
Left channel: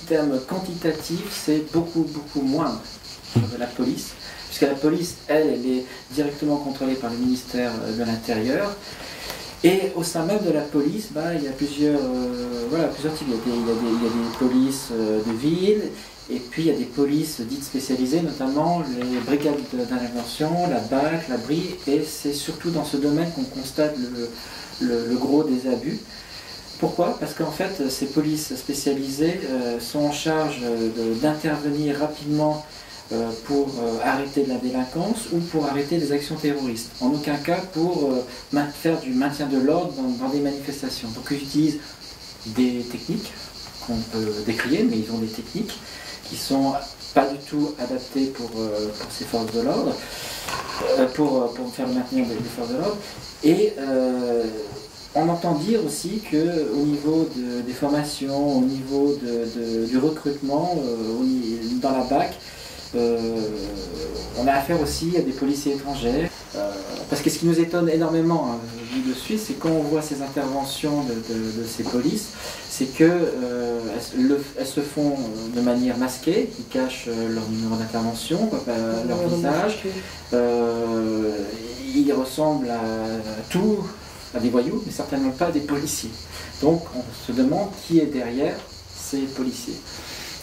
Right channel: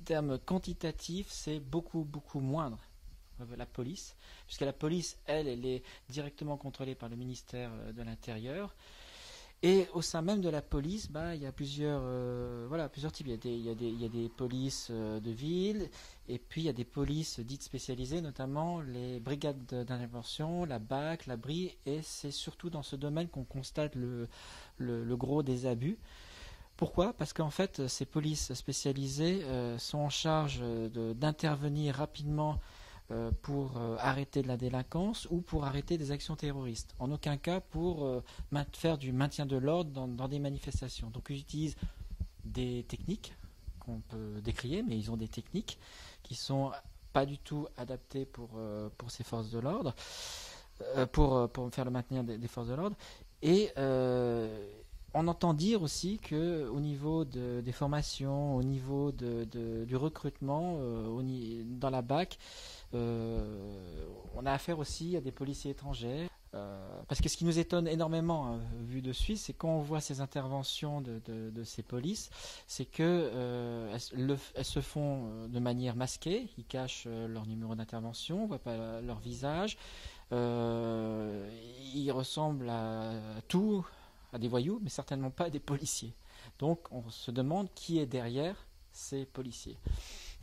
termes quantitatifs, c'est beaucoup moindre de la police, puisque la police, elle est directement contrôlée par le ministère de l'Intérieur. Et au sein même de la police, il y a plusieurs types. Il y a des polices de ville, et puis il y a des polices dites spécialisées, notamment les brigades d'intervention, la BAC, la BRI, et c'est surtout dans ce domaine qu'on constate le gros des abus. Pourquoi? Parce qu'en fait, ces polices spécialisées sont en charge d'intervenir rapidement pour arrêter de la délinquance ou pour arrêter des actions terroristes. En aucun cas pour faire du maintien de l'ordre dans des manifestations. Donc ils utilisent des techniques qu'on peut décrier, mais ils ont des techniques qui sont pas du tout adaptées pour ces forces de l'ordre, pour faire le maintien des forces de l'ordre. Et on entend dire aussi qu'au niveau des formations, au niveau du recrutement, dans la BAC, on a affaire aussi à des policiers étrangers. Parce que ce qui nous étonne énormément, vu de Suisse, c'est quand on voit ces interventions de ces polices, c'est qu'elles se font de manière masquée, ils cachent leur numéro d'intervention, leur visage. Ils ressemblent à des voyous, mais certainement pas à des policiers. Donc on se demande qui est derrière ces policiers.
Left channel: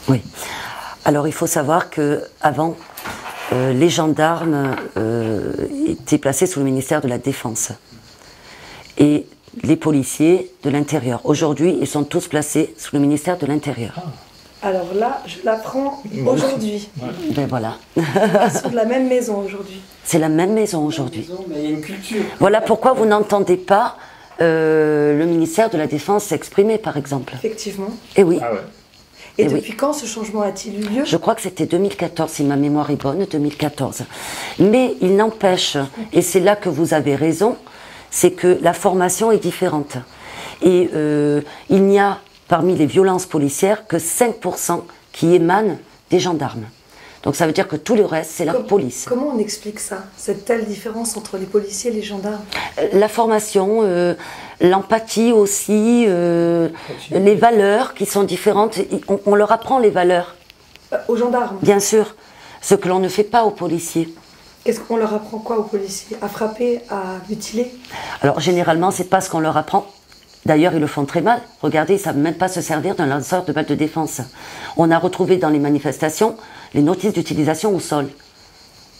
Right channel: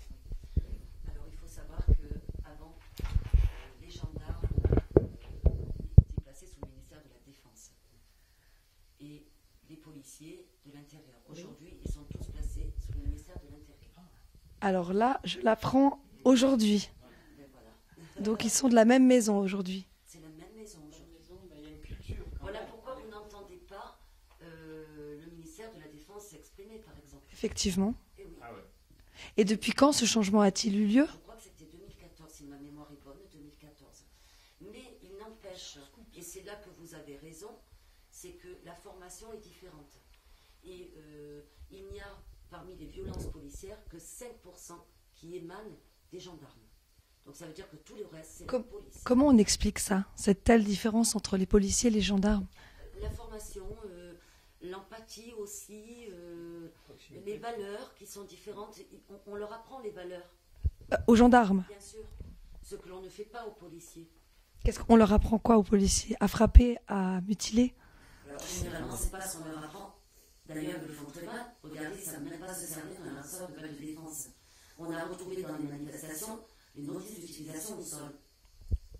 Oui. Alors il faut savoir qu'avant, les gendarmes étaient placés sous le ministère de la Défense et les policiers de l'Intérieur. Aujourd'hui, ils sont tous placés sous le ministère de l'Intérieur. Alors là, je l'apprends aujourd'hui. Ben voilà. Ils sont de la même maison aujourd'hui. C'est la même maison aujourd'hui. Mais il y a une culture. Voilà pourquoi vous n'entendez pas le ministère de la Défense s'exprimer, par exemple. Effectivement. Et oui. Ah ouais. Et depuis quand ce changement a-t-il eu lieu? Je crois que c'était 2014, si ma mémoire est bonne, 2014. Mais il n'empêche, et c'est là que vous avez raison, c'est que la formation est différente. Et il n'y a, parmi les violences policières, que 5% qui émanent des gendarmes. Donc ça veut dire que tout le reste, c'est la police. Comment on explique ça, cette telle différence entre les policiers et les gendarmes? La formation, l'empathie aussi, les valeurs qui sont différentes. On leur apprend les valeurs. Aux gendarmes? Bien sûr, ce que l'on ne fait pas aux policiers. Qu'est-ce qu'on leur apprend quoi aux policiers? À frapper, à mutiler? Alors généralement, c'est pas ce qu'on leur apprend. D'ailleurs, ils le font très mal. Regardez, ils ne savent même pas se servir d'un lanceur de balles de défense. On a retrouvé dans les manifestations les notices d'utilisation au sol.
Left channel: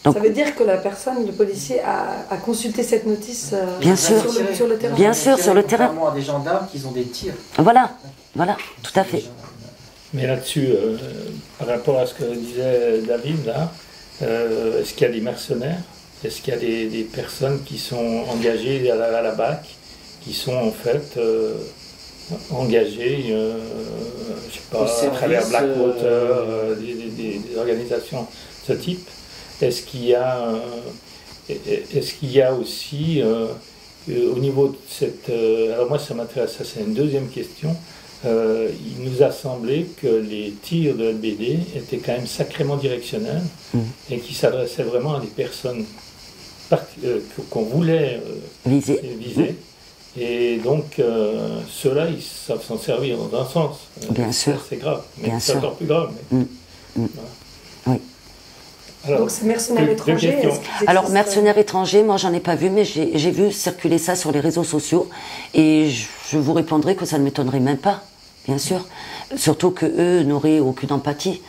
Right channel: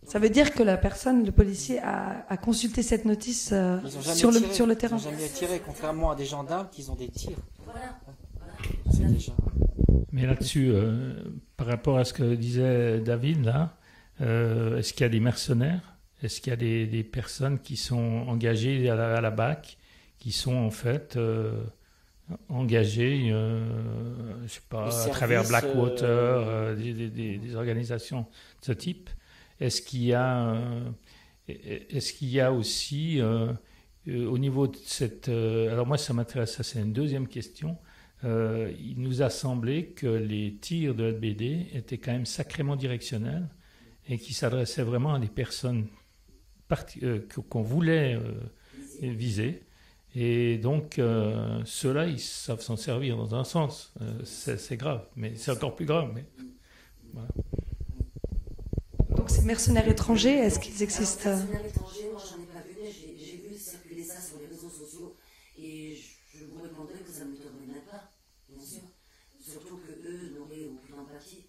Donc, ça veut dire que la personne, le policier, a consulté cette notice bien sûr, sur le terrain? Bien sûr, sur le terrain. Contrairement à des gendarmes qui ont des tirs. Voilà, tout à fait. Mais là-dessus, par rapport à ce que disait David, là, est-ce qu'il y a des mercenaires? Est-ce qu'il y a des personnes qui sont engagées à la BAC, qui sont en fait engagées, je sais pas, à travers Blackwater, des organisations de ce type? Est-ce qu'il y a aussi, au niveau de cette... alors moi, ça m'intéresse, ça c'est une deuxième question. Il nous a semblé que les tirs de LBD étaient quand même sacrément directionnels et qui s'adressaient vraiment à des personnes qu'on voulait viser. Et donc, ceux-là, ils savent s'en servir dans un sens. Bien sûr. C'est grave, mais c'est encore plus grave. Oui. Alors, donc, c'est mercenaires étrangers. Alors, mercenaires étrangers, moi, j'en ai pas vu, mais j'ai vu circuler ça sur les réseaux sociaux. Et je vous répondrai que ça ne m'étonnerait même pas, bien sûr. Surtout qu'eux n'auraient aucune empathie.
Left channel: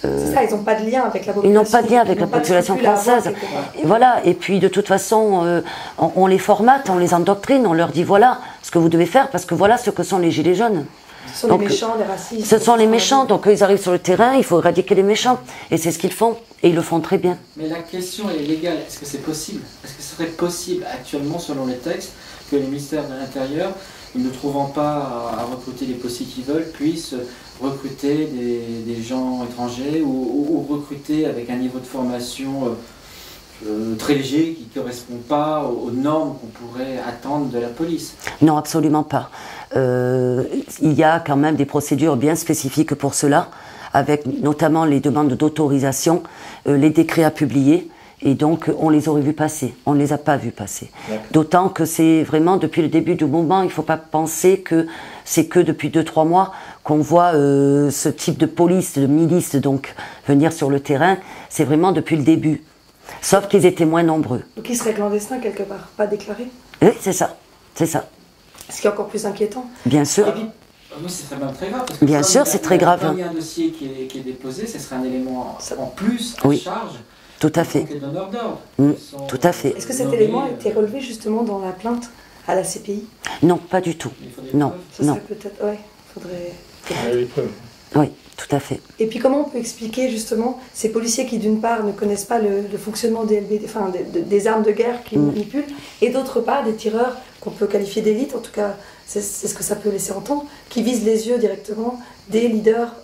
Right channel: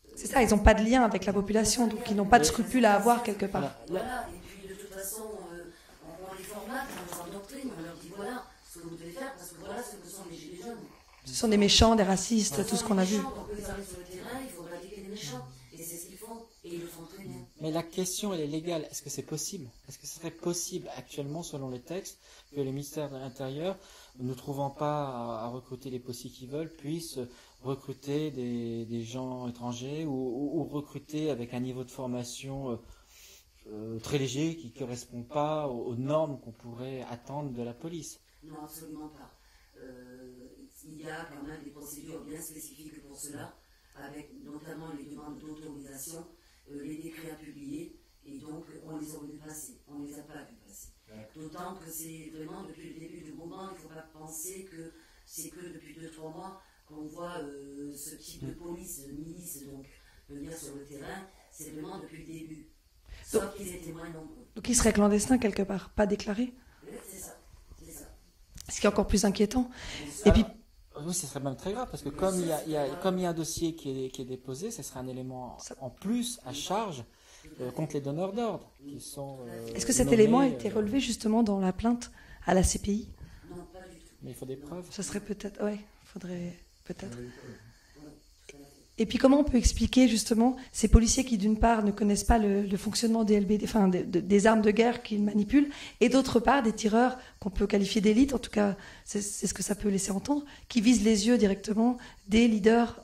C'est ça, ils n'ont pas de lien avec la population. Ils n'ont pas de lien avec la population française. Et voilà, et puis de toute façon, on les formate, on les endoctrine, on leur dit voilà ce que vous devez faire, parce que voilà ce que sont les gilets jaunes. Ce sont les méchants, les racistes. Ce sont les méchants, donc ils arrivent sur le terrain, il faut éradiquer les méchants. Et c'est ce qu'ils font, et ils le font très bien. Mais la question est légale, est-ce que c'est possible? Est-ce que ce serait possible actuellement, selon les textes, que les ministères de l'Intérieur, ne trouvant pas à recruter les policiers qu'ils veulent, puissent recruter des gens étrangers ou recruter avec un niveau de formation très léger qui ne correspond pas aux normes qu'on pourrait attendre de la police. Non, absolument pas. Il y a quand même des procédures bien spécifiques pour cela, avec notamment les demandes d'autorisation, les décrets à publier, et donc on les aurait vus passer, on ne les a pas vus passer. D'autant que c'est vraiment depuis le début du mouvement, il ne faut pas penser que c'est que depuis 2-3 mois qu'on voit ce type de police, de milice donc venir sur le terrain, c'est vraiment depuis le début. Sauf qu'ils étaient moins nombreux. Donc ils seraient clandestins quelque part, pas déclarés. Oui, c'est ça, c'est ça. Ce qui est encore plus inquiétant. Bien sûr. Et puis, c'est très grave. Parce que bien sûr, c'est très grave. Quand il y a un dossier qui est déposé, ce serait un élément en plus à oui. charge. Tout à fait. Les donneurs d'ordre. Tout à fait. Est-ce que cet élément a été relevé justement dans la plainte à la CPI? Non, pas du tout. Non, non. Peut-être, ouais, faudrait. Oui, tout à fait. Et puis comment on peut expliquer justement ces policiers qui d'une part ne connaissent pas le fonctionnement des LBD, enfin des armes de guerre qu'ils manipulent, et d'autre part des tireurs qu'on peut qualifier d'élite, en tout cas c'est ce que ça peut laisser entendre, qui visent les yeux directement des leaders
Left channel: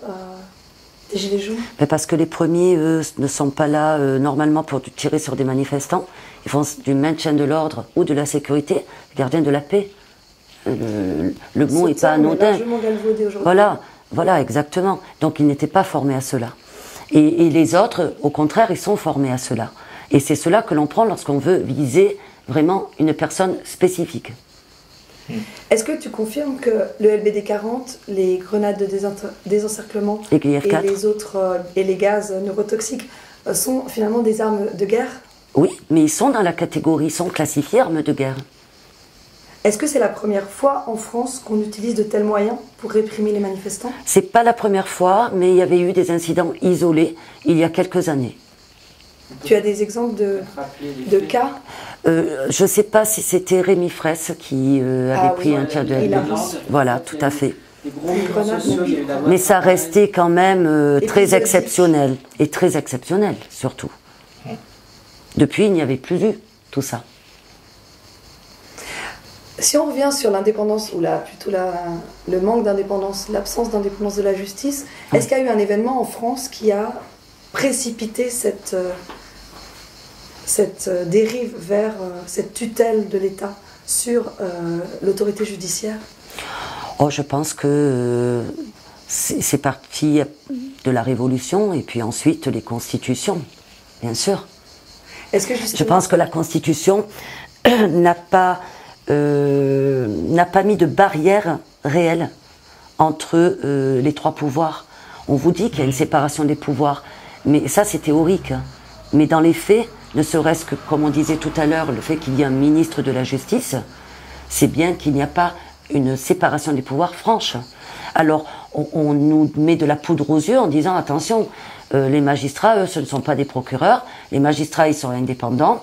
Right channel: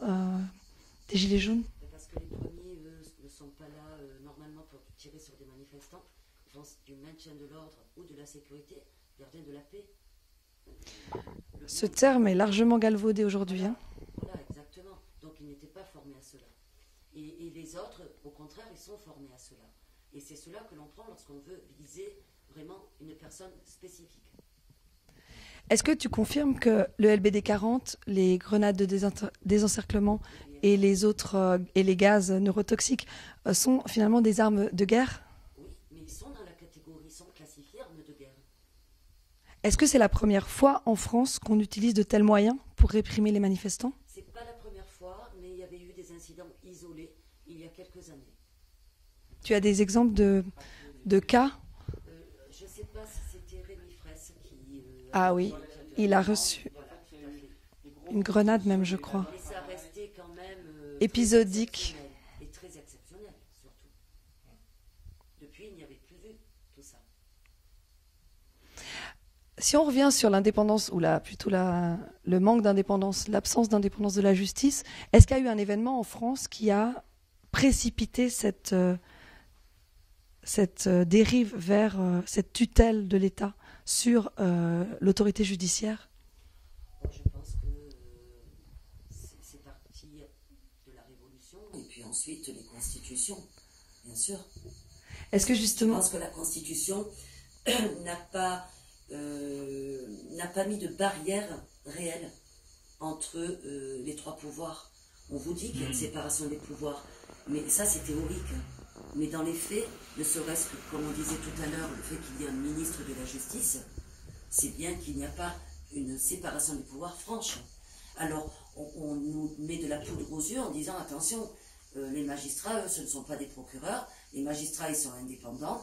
des Gilets jaunes? Mais parce que les premiers, eux, ne sont pas là normalement pour tirer sur des manifestants. Ils font du maintien de l'ordre ou de la sécurité, les gardiens de la paix. Le mot n'est pas anodin. Largement galvaudé aujourd'hui. Voilà, exactement. Donc ils n'étaient pas formés à cela. Et les autres, au contraire, ils sont formés à cela. Et c'est cela que l'on prend lorsqu'on veut viser vraiment une personne spécifique. Est-ce que tu confirmes que le LBD 40, les grenades de désencerclement et les autres et les gaz neurotoxiques sont finalement des armes de guerre? Oui, mais ils sont dans la catégorie, ils sont classifiés armes de guerre. Est-ce que c'est la première fois en France qu'on utilise de tels moyens pour réprimer les manifestants? C'est pas la première fois, mais il y avait eu des incidents isolés il y a quelques années. Tu as des exemples de cas? Je ne sais pas si c'était Rémi Fraisse qui avait pris un tir de LBD. Voilà, tout à fait. Mais ça restait quand même très exceptionnel. Et très exceptionnel, surtout. Depuis, il n'y avait plus eu tout ça. Si on revient sur l'indépendance, ou plutôt le manque d'indépendance, l'absence d'indépendance de la justice, est-ce qu'il y a eu un événement en France qui a précipité cette dérive vers cette tutelle de l'État sur l'autorité judiciaire? Je pense que c'est parti de la Révolution et puis ensuite les constitutions, bien sûr. Je pense que la Constitution n'a pas mis de barrière réelle entre les trois pouvoirs. On vous dit qu'il y a une séparation des pouvoirs, mais ça c'est théorique. Mais dans les faits, ne serait-ce que, comme on disait tout à l'heure, le fait qu'il y ait un ministre de la Justice, c'est bien qu'il n'y a pas une séparation des pouvoirs franche. Alors, on nous met de la poudre aux yeux en disant, attention, les magistrats, eux, ce ne sont pas des procureurs, les magistrats, ils sont indépendants,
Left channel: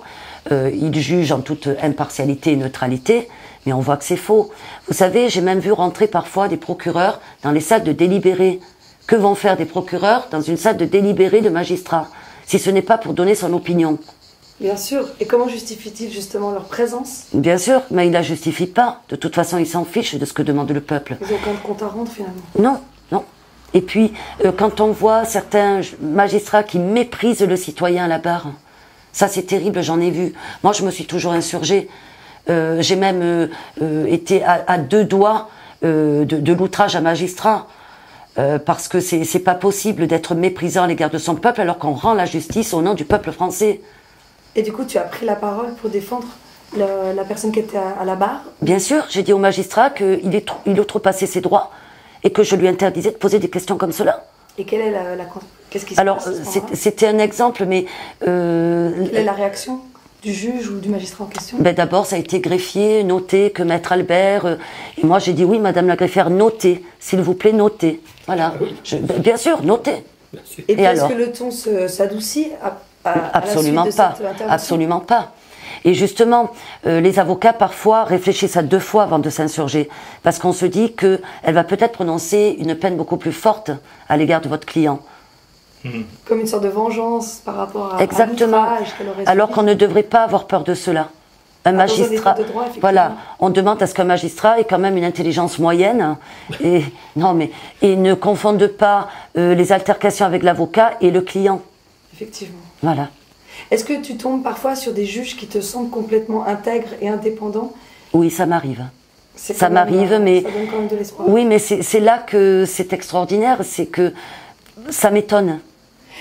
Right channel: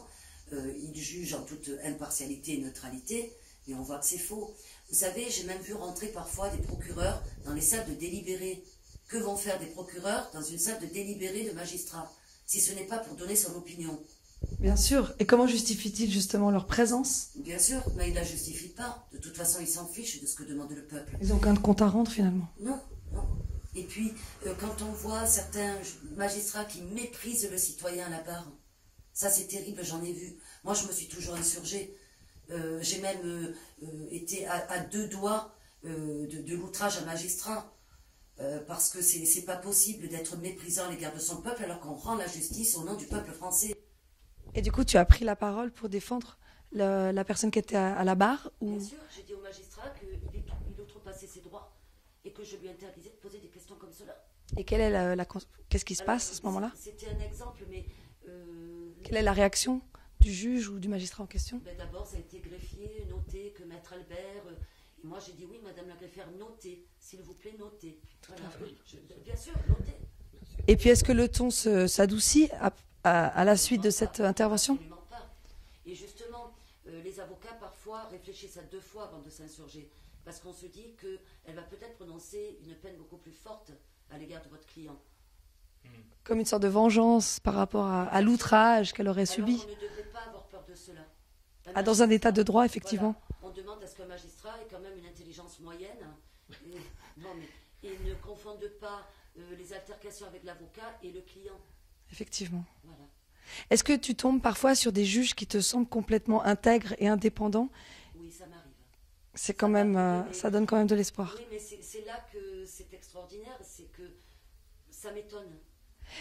ils jugent en toute impartialité et neutralité, mais on voit que c'est faux. Vous savez, j'ai même vu rentrer parfois des procureurs dans les salles de délibérés. Que vont faire des procureurs dans une salle de délibéré de magistrats, si ce n'est pas pour donner son opinion? Bien sûr. Et comment justifient-ils justement leur présence? Bien sûr, mais ils ne la justifient pas. De toute façon, ils s'en fichent de ce que demande le peuple. Ils n'ont aucun compte à rendre finalement. Non, non. Et puis, quand on voit certains magistrats qui méprisent le citoyen à la barre, ça c'est terrible, j'en ai vu. Moi, je me suis toujours insurgée. J'ai même été à 2 doigts de l'outrage à magistrat. Parce que c'est pas possible d'être méprisant à l'égard de son peuple alors qu'on rend la justice au nom du peuple français. Et du coup, tu as pris la parole pour défendre la personne qui était à la barre? Bien sûr, j'ai dit au magistrat qu'il outrepassait ses droits et que je lui interdisais de poser des questions comme cela. Et quelle est qu'est-ce qui se passe? Alors, c'était un exemple, mais... Quelle est la réaction du juge ou du magistrat en question? D'abord, ça a été greffier, noter que Maître Albert... et moi, j'ai dit, oui, Madame la greffière, notez, s'il vous plaît, notez. Voilà. Bien sûr, notez. Et puis, est-ce que le ton s'adoucit Absolument à la suite de pas. cette intervention? Absolument pas. Et justement, les avocats, parfois, réfléchissent à 2 fois avant de s'insurger. Parce qu'on se dit qu'elle va peut-être prononcer une peine beaucoup plus forte à l'égard de votre client. Comme une sorte de vengeance par rapport à Exactement. l'outrage qu'elle aurait subi. Alors qu'on ne devrait pas avoir peur de cela. Un magistrat, dans un état de droit, effectivement. Voilà, on demande à ce qu'un magistrat ait quand même une intelligence moyenne et ne confonde pas les altercations avec l'avocat et le client. Effectivement. Voilà. Est-ce que tu tombes parfois sur des juges qui te semblent complètement intègres et indépendants? Oui, ça m'arrive. Ça m'arrive, mais... Ça donne quand même de l'espoir. Oui, mais c'est là que c'est extraordinaire, c'est que ça m'étonne.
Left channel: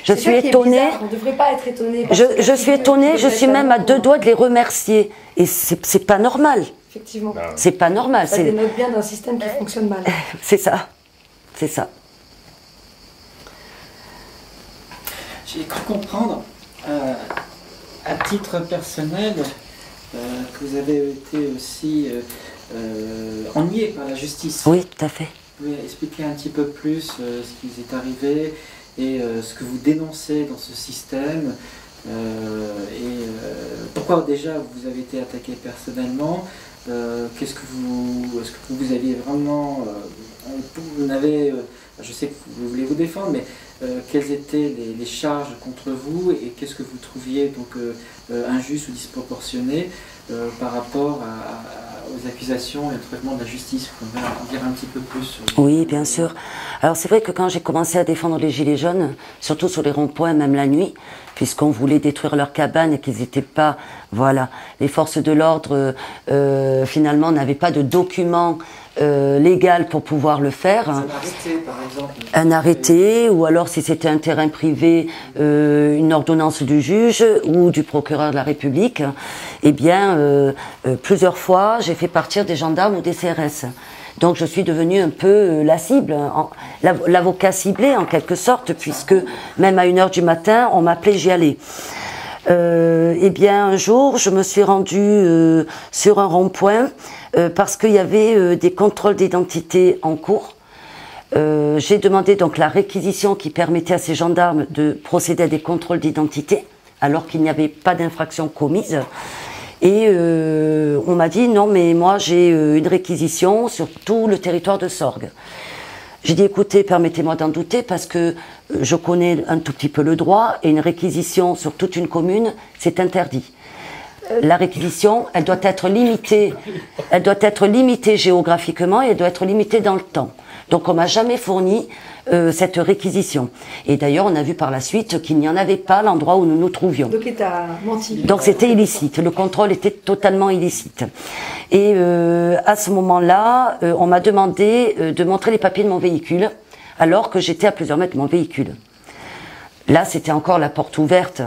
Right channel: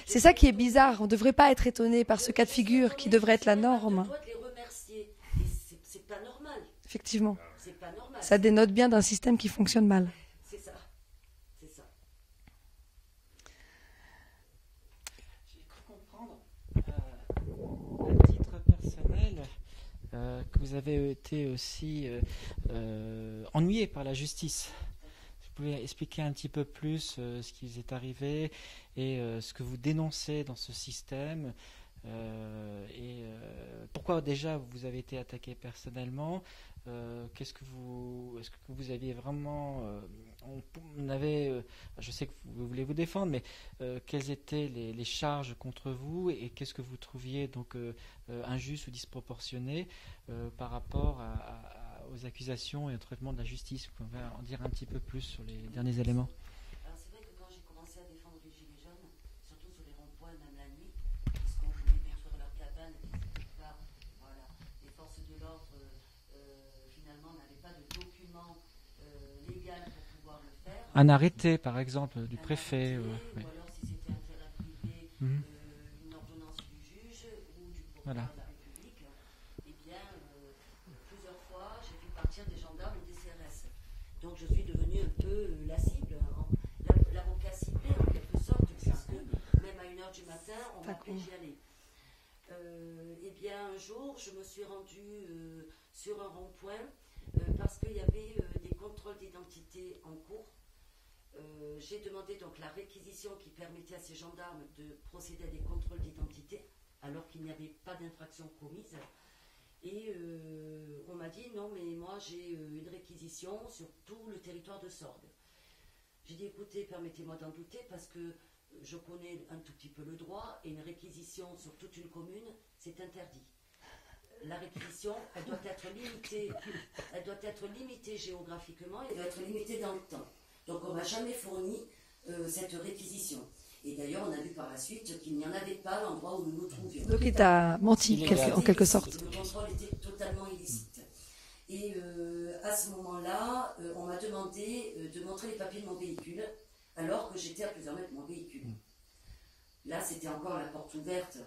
Je suis étonnée. On ne devrait pas être étonné. Je suis étonnée, je suis même à deux doigts de les remercier. Et c'est pas normal. Effectivement. C'est pas normal. Ça dénote bien d'un système qui fonctionne mal. C'est ça. C'est ça. J'ai cru comprendre, à titre personnel, que vous avez été aussi ennuyé par la justice. Oui, tout à fait. Vous pouvez expliquer un petit peu plus ce qui vous est arrivé et ce que vous dénoncez dans ce système pourquoi déjà vous avez été attaqué personnellement, est-ce que vous aviez vraiment, je sais que vous voulez vous défendre, mais quelles étaient les charges contre vous et qu'est-ce que vous trouviez donc injuste ou disproportionné par rapport aux accusations et au traitement de la justice? Vous pouvez en dire un petit peu plus? Oui, bien sûr. Alors c'est vrai que quand j'ai commencé à défendre les Gilets jaunes, surtout sur les ronds-points, même la nuit, puisqu'on voulait détruire leurs cabanes et qu'ils n'étaient pas... Voilà, les forces de l'ordre, finalement, n'avaient pas de document légal pour pouvoir le faire. Un arrêté, par exemple. Un arrêté, ou alors si c'était un terrain privé, une ordonnance du juge ou du procureur de la République. Eh bien, plusieurs fois, j'ai fait partir des gendarmes ou des CRS. Donc je suis devenue un peu la cible, l'avocat ciblé en quelque sorte, puisque même à 1h du matin, on m'appelait, j'y allais. Eh bien, un jour, je me suis rendue sur un rond-point parce qu'il y avait des contrôles d'identité en cours. J'ai demandé donc la réquisition qui permettait à ces gendarmes de procéder à des contrôles d'identité, alors qu'il n'y avait pas d'infraction commise. Et on m'a dit, non, mais moi j'ai une réquisition sur tout le territoire de Sorgues. J'ai dit, écoutez, permettez-moi d'en douter parce que je connais un tout petit peu le droit et une réquisition sur toute une commune, c'est interdit. La réquisition, elle doit être limitée géographiquement et elle doit être limitée dans le temps. Donc on m'a jamais fourni cette réquisition. Et d'ailleurs, on a vu par la suite qu'il n'y en avait pas à l'endroit où nous nous trouvions. Donc il t'a menti. Donc c'était illicite, le contrôle était totalement illicite. Et à ce moment-là, on m'a demandé de montrer les papiers de mon véhicule, alors que j'étais à plusieurs mètres de mon véhicule. Là, c'était encore la porte ouverte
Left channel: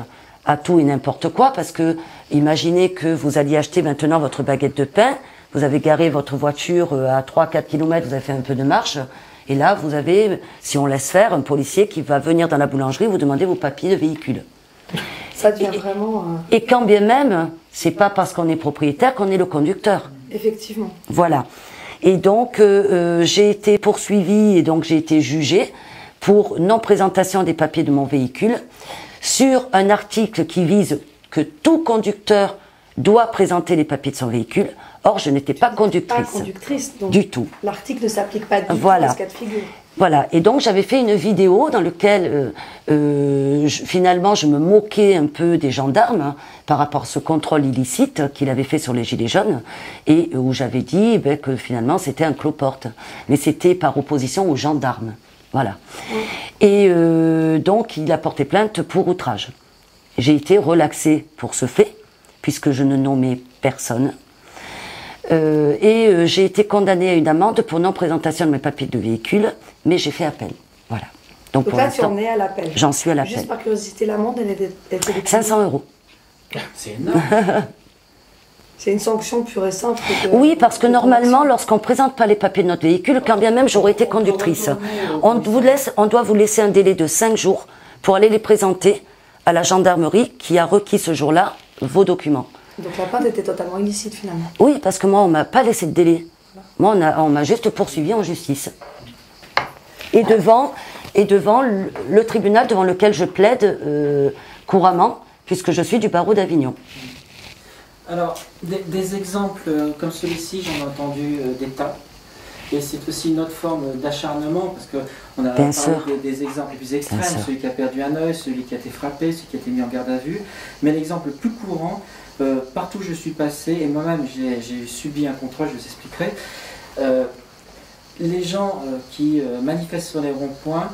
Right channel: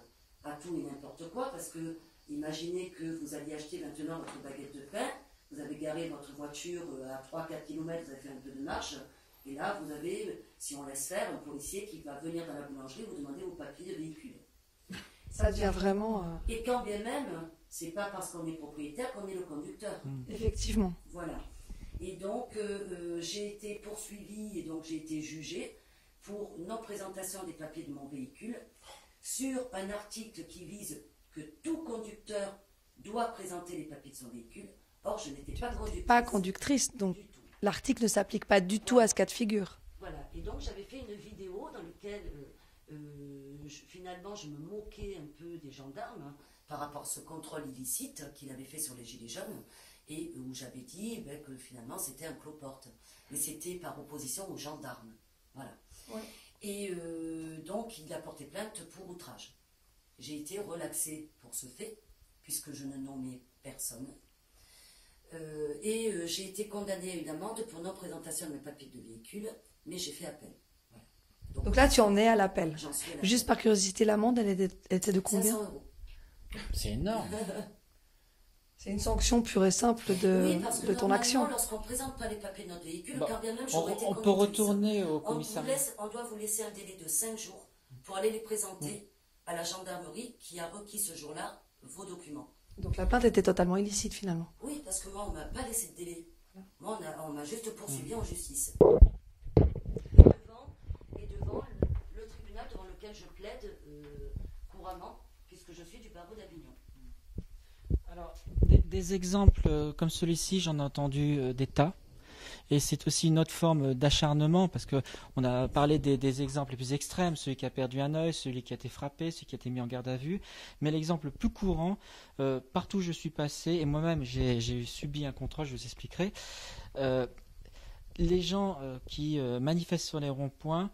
à tout et n'importe quoi, parce que imaginez que vous alliez acheter maintenant votre baguette de pain, vous avez garé votre voiture à 3-4 km, vous avez fait un peu de marche, et là, vous avez, si on laisse faire, un policier qui va venir dans la boulangerie vous demander vos papiers de véhicule. Ça devient vraiment... Et quand bien même, c'est pas parce qu'on est propriétaire qu'on est le conducteur. Effectivement. Voilà. Et donc, j'ai été poursuivie et donc j'ai été jugée pour non-présentation des papiers de mon véhicule sur un article qui vise que tout conducteur doit présenter les papiers de son véhicule. Or, je n'étais pas conductrice. Pas conductrice, donc du tout. L'article ne s'applique pas du tout voilà. à ce cas de figure. Voilà, et donc j'avais fait une vidéo dans laquelle finalement je me moquais un peu des gendarmes par rapport à ce contrôle illicite qu'il avait fait sur les Gilets jaunes et où j'avais dit que finalement c'était un cloporte, mais c'était par opposition aux gendarmes. Voilà. Et donc il a porté plainte pour outrage. J'ai été relaxée pour ce fait, puisque je ne nommais personne. J'ai été condamnée à une amende pour non-présentation de mes papiers de véhicule, mais j'ai fait appel. Voilà. Donc là, tu en es à l'appel. J'en suis à l'appel. Juste par curiosité, l'amende, elle était de 500 €. C'est énorme. C'est une sanction pure et simple. Oui, parce que normalement, lorsqu'on ne présente pas les papiers de notre véhicule, quand bien même j'aurais été conductrice, on doit vous laisser un délai de 5 jours pour aller les présenter à la gendarmerie qui a requis ce jour-là vos documents. Donc la plainte était totalement illicite finalement. Oui, parce que moi, on ne m'a pas laissé de délai. Moi, on m'a juste poursuivi en justice. Et devant le tribunal devant lequel je plaide couramment, puisque je suis du barreau d'Avignon. Alors, des exemples comme celui-ci, j'en ai entendu des tas. Et c'est aussi une autre forme d'acharnement, parce qu'on a parlé des exemples les plus extrêmes, celui qui a perdu un œil, celui qui a été frappé, celui qui a été mis en garde à vue. Mais l'exemple le plus courant, partout où je suis passé, et moi-même j'ai subi un contrôle, je vous expliquerai, les gens qui manifestent sur les ronds-points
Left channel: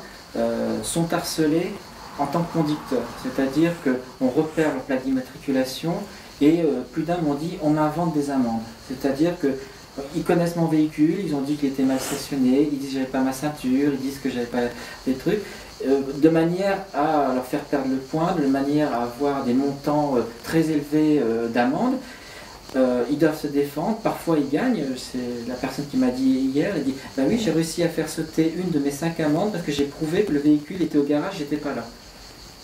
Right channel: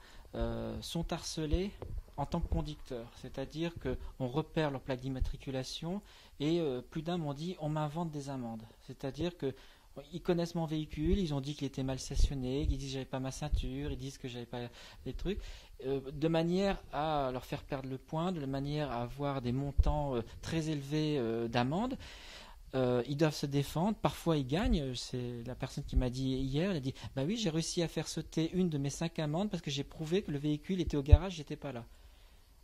sont harcelés en tant que conducteur. C'est-à-dire qu'on repère la plaque d'immatriculation et plus d'un m'ont dit on m'invente des amendes. C'est-à-dire qu'ils connaissent mon véhicule, ils ont dit qu'il était mal stationné, ils disent que j'avais pas ma ceinture, ils disent que j'avais pas des trucs, de manière à leur faire perdre le point, de manière à avoir des montants très élevés d'amendes. Ils doivent se défendre, parfois ils gagnent. C'est la personne qui m'a dit hier, elle dit bah oui, j'ai réussi à faire sauter une de mes 5 amendes parce que j'ai prouvé que le véhicule était au garage, j'étais pas là.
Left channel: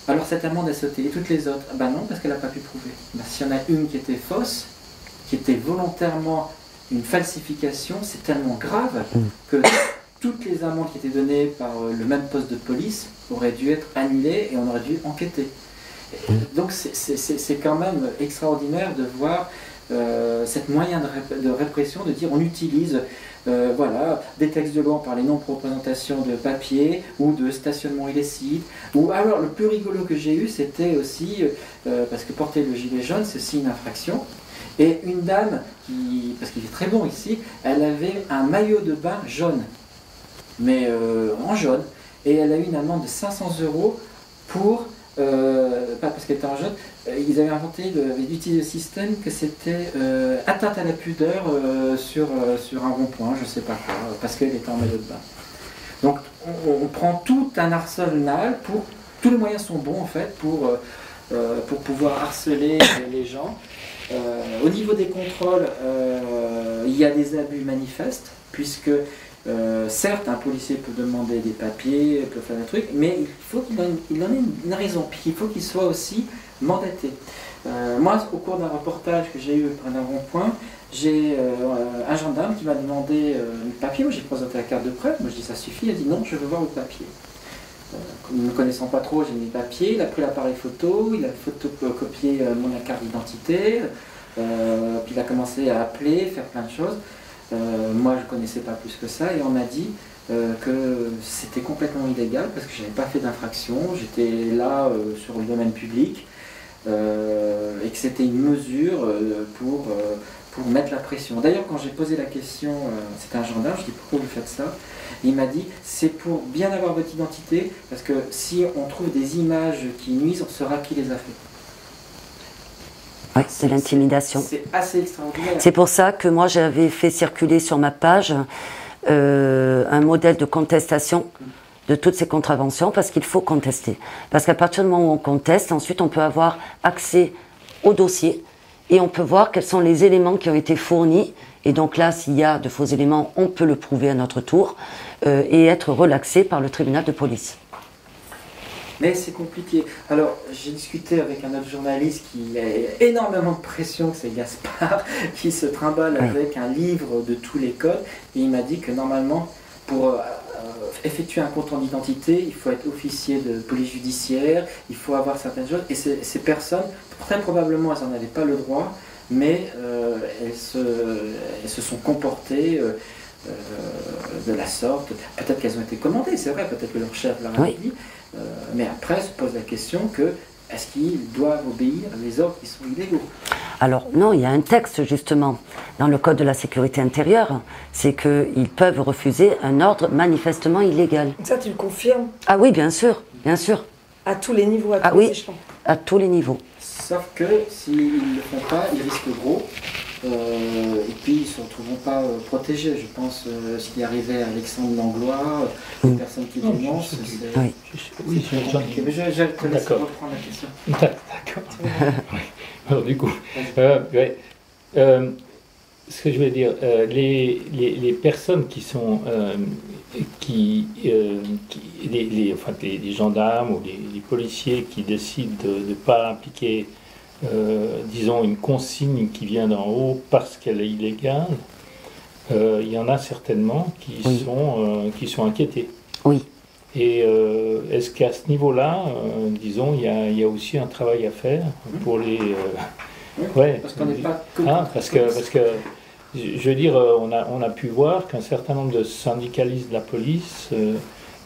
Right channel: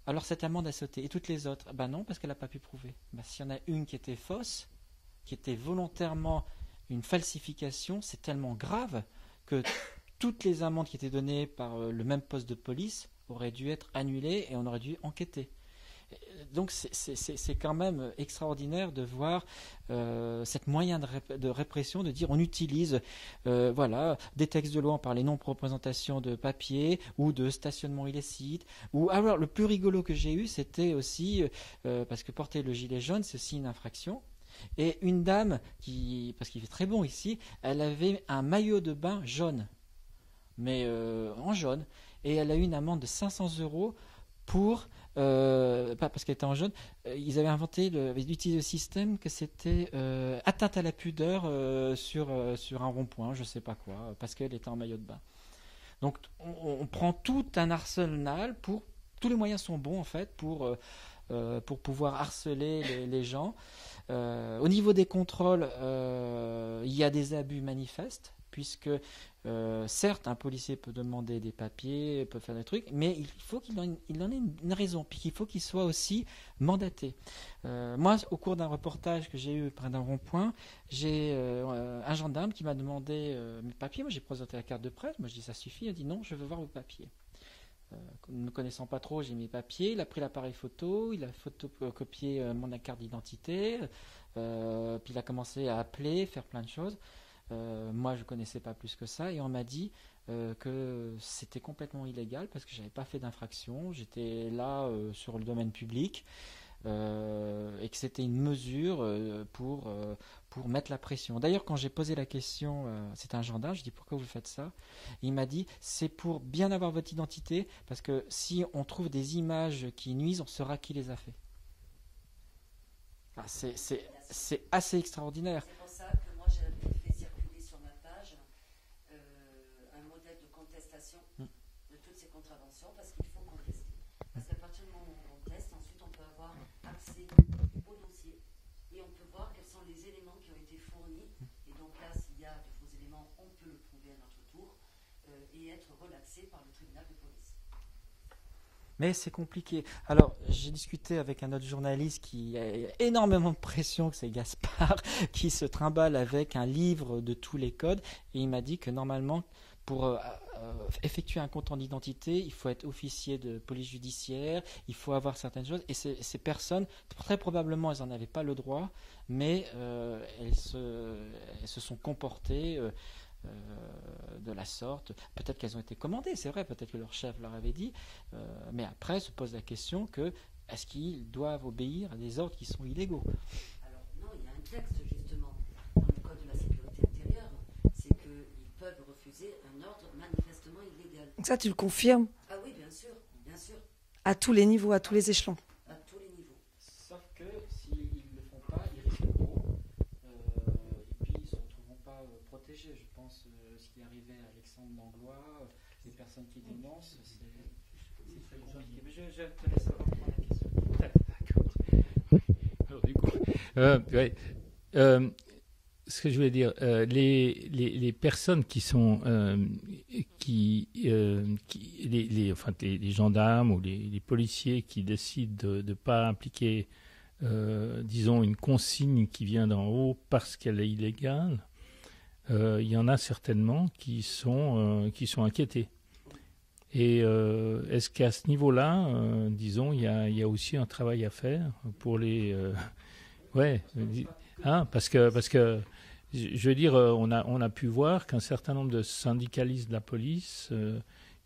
Alors cette amende a sauté. Et toutes les autres, bah non, parce qu'elle n'a pas pu prouver. Bah, s'il y en a une qui était fausse, qui était volontairement une falsification, c'est tellement grave que toutes les amendes qui étaient données par le même poste de police auraient dû être annulées et on aurait dû enquêter. Donc c'est quand même extraordinaire de voir cette moyen de répression, de dire on utilise voilà, des textes de loi par les non-représentation de papier ou de stationnement illicite. Ou alors le plus rigolo que j'ai eu, c'était aussi, parce que porter le gilet jaune, c'est aussi une infraction. Et une dame, parce qu'il est très bon ici, elle avait un maillot de bain jaune, mais en jaune. Et elle a eu une amende de 500 € pour... pas parce qu'elle était en jaune, ils avaient utilisé le système que c'était atteinte à la pudeur sur un rond-point, je sais pas quoi, parce qu'elle était en maillot de bain. Donc on prend tout un arsenal pour... Tous les moyens sont bons en fait pour pouvoir harceler les gens. Au niveau des contrôles, il y a des abus manifestes, puisque certes, un policier peut demander des papiers, peut faire des trucs, mais il faut qu'il en ait une raison, puis il faut qu'il soit aussi mandaté. Moi, au cours d'un reportage que j'ai eu près d'un rond-point, j'ai un gendarme qui m'a demandé le papier. Moi, j'ai présenté la carte de presse, moi je dis ça suffit, il a dit non, je veux voir le papier. Ne me connaissant pas trop, j'ai mis les papiers, il a pris l'appareil photo, il a photocopié mon carte d'identité, puis il a commencé à appeler, faire plein de choses. Moi je ne connaissais pas plus que ça et on m'a dit que c'était complètement illégal parce que je n'avais pas fait d'infraction, j'étais là sur le domaine public et que c'était une mesure pour mettre la pression. D'ailleurs quand j'ai posé la question, c'était un gendarme, je dis pourquoi vous faites ça? Et il m'a dit c'est pour bien avoir votre identité parce que si on trouve des images qui nuisent, on saura qui les a fait. Oui, c'est l'intimidation. C'est assez extraordinaire. C'est pour ça que moi j'avais fait circuler sur ma page un modèle de contestation de toutes ces contraventions parce qu'il faut contester. Parce qu'à partir du moment où on conteste, ensuite on peut avoir accès au dossier et on peut voir quels sont les éléments qui ont été fournis. Et donc là, s'il y a de faux éléments, on peut le prouver à notre tour et être relaxé par le tribunal de police. Mais c'est compliqué. Alors, j'ai discuté avec un autre journaliste qui a énormément de pression, c'est Gaspard, qui se trimballe avec un livre de tous les codes. Et il m'a dit que normalement, pour effectuer un compte d'identité, il faut être officier de police judiciaire, il faut avoir certaines choses. Et ces personnes, très probablement, elles n'en avaient pas le droit, mais elles se sont comportées de la sorte. Peut-être qu'elles ont été commandées, c'est vrai, peut-être que leur chef leur a dit. Mais après, se pose la question que est-ce qu'ils doivent obéir à des ordres qui sont illégaux? Alors non, il y a un texte justement dans le Code de la sécurité intérieure, c'est qu'ils peuvent refuser un ordre manifestement illégal. Ça, tu le confirmes? Ah oui, bien sûr, bien sûr. À tous les niveaux, à tous les échelons? À tous les niveaux. Sauf que s'ils ne le font pas, ils risquent gros. Et puis ils ne se retrouveront pas protégés. Je pense s'il arrivait à Alexandre Langlois, les personnes qui dénoncent, Oui, compliqué. Mais je te laisse reprendre la question. D'accord. Alors du coup, ce que je veux dire, les personnes qui sont, les gendarmes ou les policiers qui décident de ne pas appliquer disons une consigne qui vient d'en haut parce qu'elle est illégale, il y en a certainement qui sont inquiétés. Oui. Et est-ce qu'à ce niveau-là, disons, il y a aussi un travail à faire pour les... parce qu'on n'est pas que... parce que je veux dire, on a pu voir qu'un certain nombre de syndicalistes de la police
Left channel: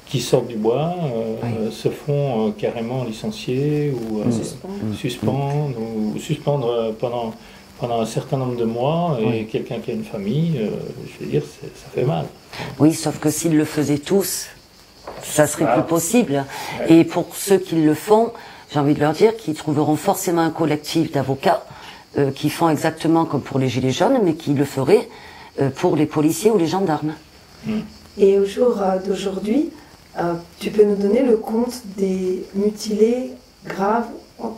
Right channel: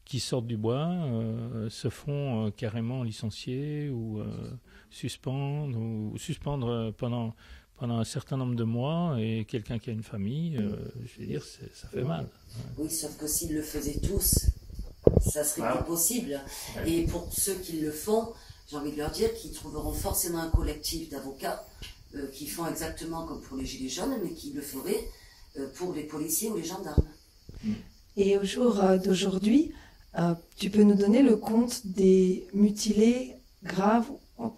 qui sortent du bois se font carrément licencier ou suspendre pendant un certain nombre de mois, et quelqu'un qui a une famille, je veux dire, ça fait mal. Oui, sauf que s'ils le faisaient tous, ça serait plus possible. Et pour ceux qui le font, j'ai envie de leur dire qu'ils trouveront forcément un collectif d'avocats qui font exactement comme pour les Gilets jaunes, mais qui le feraient pour les policiers ou les gendarmes. Et au jour d'aujourd'hui, tu peux nous donner le compte des mutilés graves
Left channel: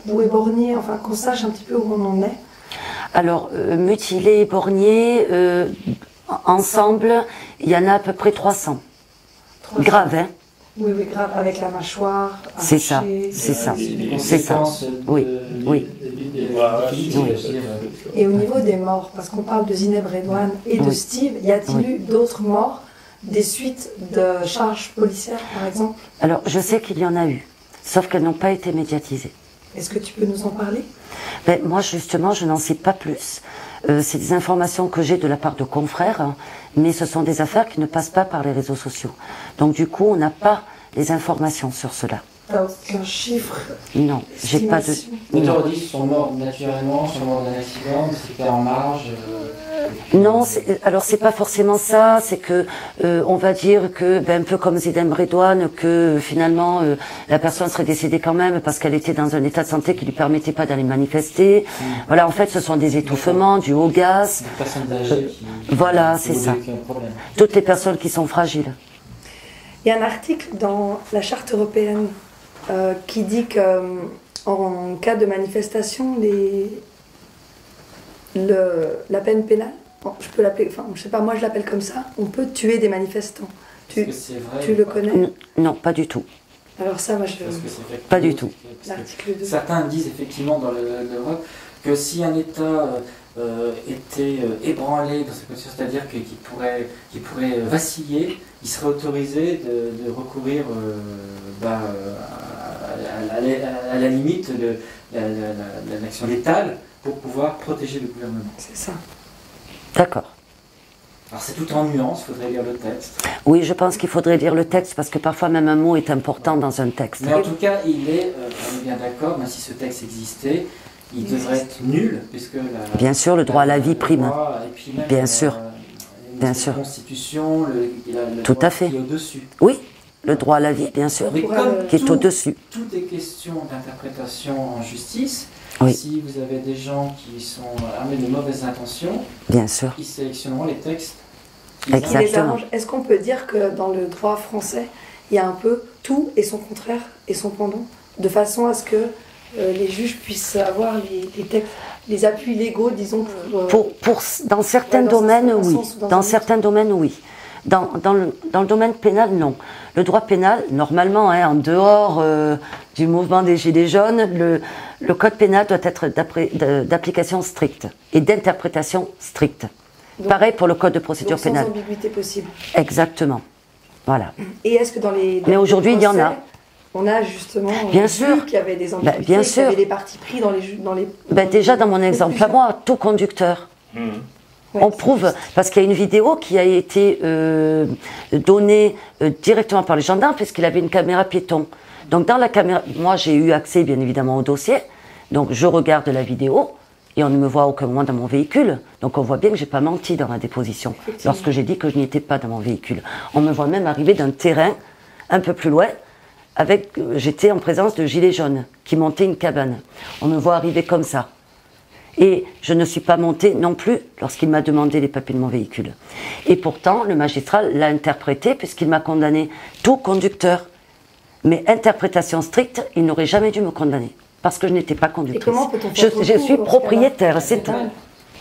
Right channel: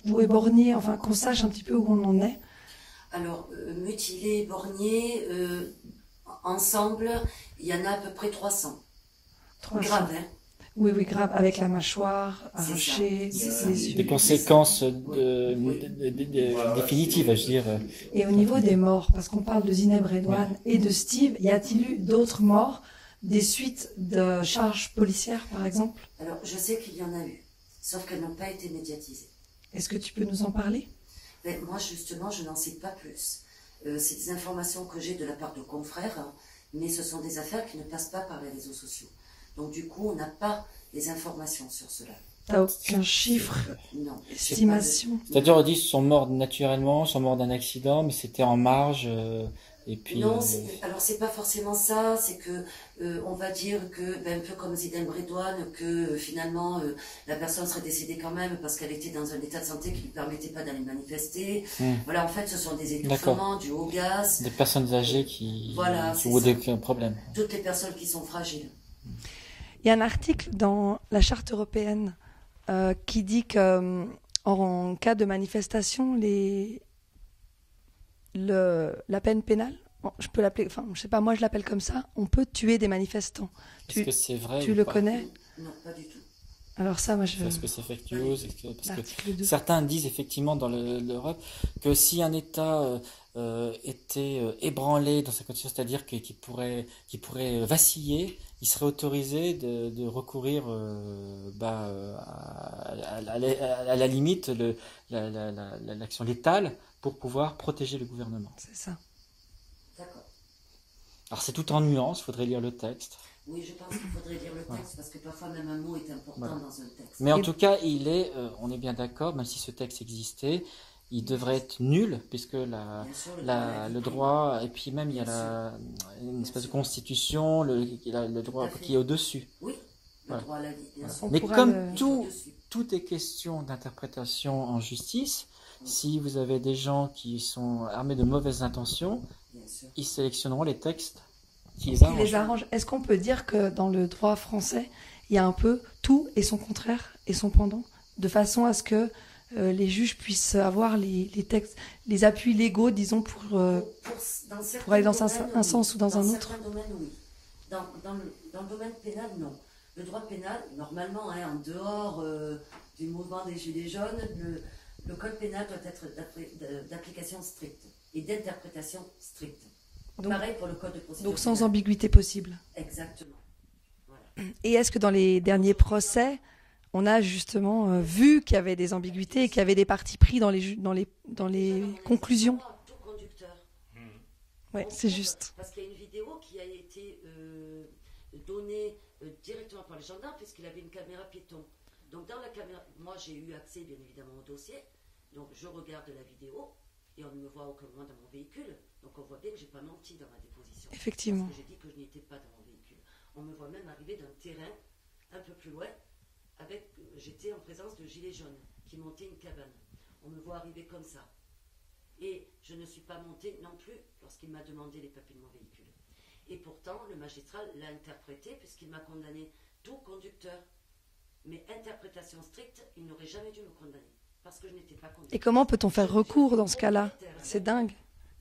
ou éborgnés, enfin qu'on sache un petit peu où on en est? Alors, mutilés, éborgnés, ensemble, il y en a à peu près 300. Grave, hein? Oui, oui, grave, avec la mâchoire, c'est ça, arrachée, c'est ça. Des conséquences oui. définitives, je veux dire. Et au niveau des morts, parce qu'on parle de Zineb Redouane et de Steve, y a-t-il eu d'autres morts, des suites de charges policières, par exemple? Alors, je sais qu'il y en a eu, sauf qu'elles n'ont pas été médiatisées. Est-ce que tu peux nous en parler? Ben, moi, justement, je n'en sais pas plus. C'est des informations que j'ai de la part de confrères, hein, mais ce sont des affaires qui ne passent pas par les réseaux sociaux. Donc, du coup, on n'a pas les informations sur cela. T'as aucun chiffre? Non, j'ai pas de... Les terroristes sont morts naturellement, sont morts d'un accident, mais c'était en marge. Non, alors c'est pas forcément ça, c'est que on va dire que, un peu comme Zineb Redouane, que finalement la personne serait décédée quand même parce qu'elle était dans un état de santé qui lui permettait pas d'aller manifester. Voilà, en fait, ce sont des étouffements, du haut gaz. Des personnes âgées qui voilà, c'est ça. Un problème. Toutes les personnes qui sont fragiles. Il y a un article dans la Charte européenne qui dit que en cas de manifestation, la peine pénale, je peux l'appeler, enfin je sais pas, moi je l'appelle comme ça, on peut tuer des manifestants. Est-ce que c'est vrai? Tu le connais? Non, pas du tout. Alors ça, moi je veux... Pas du tout. Certains disent effectivement dans l'Europe que si un État était ébranlé dans sa condition, c'est-à-dire qu'il pourrait vaciller, il serait autorisé de recourir à la limite de l'action létale pour pouvoir protéger le gouvernement. C'est ça. D'accord. Alors c'est tout en nuances, il faudrait lire le texte. Oui, je pense qu'il faudrait lire le texte parce que parfois même un mot est important dans un texte. Mais en tout cas, on est bien d'accord, même si ce texte existait, il devrait être nul, puisque bien sûr, le droit à la vie prime. Et puis même bien sûr. Bien sûr. La Constitution, le tout droit à fait. qui est au-dessus. Oui, le droit à la vie, bien sûr, mais comme qui est au-dessus. Tout est question d'interprétation en justice. Oui. Si vous avez des gens qui sont armés de mauvaises intentions, bien sûr, ils sélectionneront les textes qui les arrangent. Est-ce qu'on peut dire que dans le droit français, il y a un peu tout et son contraire et son pendant, de façon à ce que les juges puissent avoir les textes, les appuis légaux, disons, dans certains domaines, oui. Dans certains domaines, oui. Dans le domaine pénal, non. Le droit pénal, normalement, en dehors du mouvement des Gilets jaunes, le code pénal doit être d'application stricte et d'interprétation stricte. Donc, pareil pour le code de procédure pénale. Sans ambiguïté possible. Exactement. Voilà. Et est-ce que dans les mais aujourd'hui, il y en a. On a justement bien sûr qu'il y avait des ambiguïtés, bien qu'il y avait des partis pris dans les déjà, dans mon exemple à moi, tout conducteur. On prouve, parce qu'il y a une vidéo qui a été donnée directement par les gendarmes, puisqu'il avait une caméra piéton. Donc dans la caméra, moi j'ai eu accès bien évidemment au dossier, donc je regarde la vidéo, et on ne me voit à aucun moment dans mon véhicule, donc on voit bien que j'ai pas menti dans la déposition, lorsque j'ai dit que je n'y étais pas dans mon véhicule. On me voit même arriver d'un terrain un peu plus loin, j'étais en présence de gilets jaunes, qui montaient une cabane. On me voit arriver comme ça. Et je ne suis pas montée non plus lorsqu'il m'a demandé les papiers de mon véhicule. Et pourtant, le magistrat l'a interprété puisqu'il m'a condamné tout conducteur. Mais interprétation stricte, il n'aurait jamais dû me condamner parce que je n'étais pas conductrice. Et comment peut-on faire recours je suis propriétaire, c'est un...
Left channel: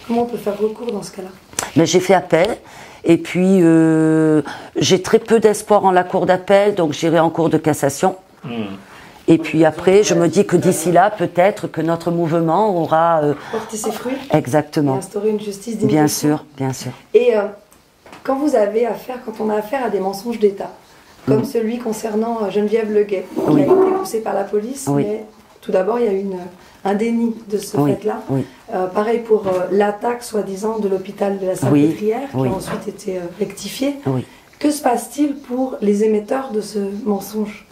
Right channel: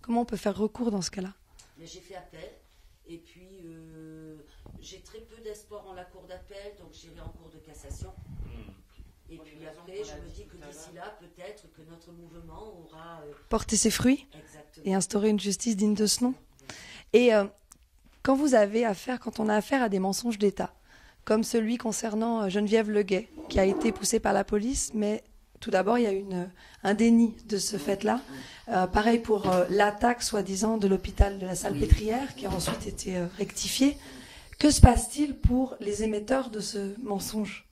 Comment on peut faire recours dans ce cas-là? Mais j'ai fait appel. Et puis, j'ai très peu d'espoir en la cour d'appel, donc j'irai en cour de cassation. Et puis après, je me dis que d'ici là, peut-être que notre mouvement aura... porté ses fruits. Exactement. Et instaurer une justice digne. Bien sûr, bien sûr. Et quand on a affaire à des mensonges d'État, comme celui concernant Geneviève Leguet, qui a été poussée par la police, mais tout d'abord, il y a eu un déni de ce fait-là. Pareil pour l'attaque, soi-disant, de l'hôpital de la Salpêtrière, qui a ensuite été rectifiée. Que se passe-t-il pour les émetteurs de ce mensonge?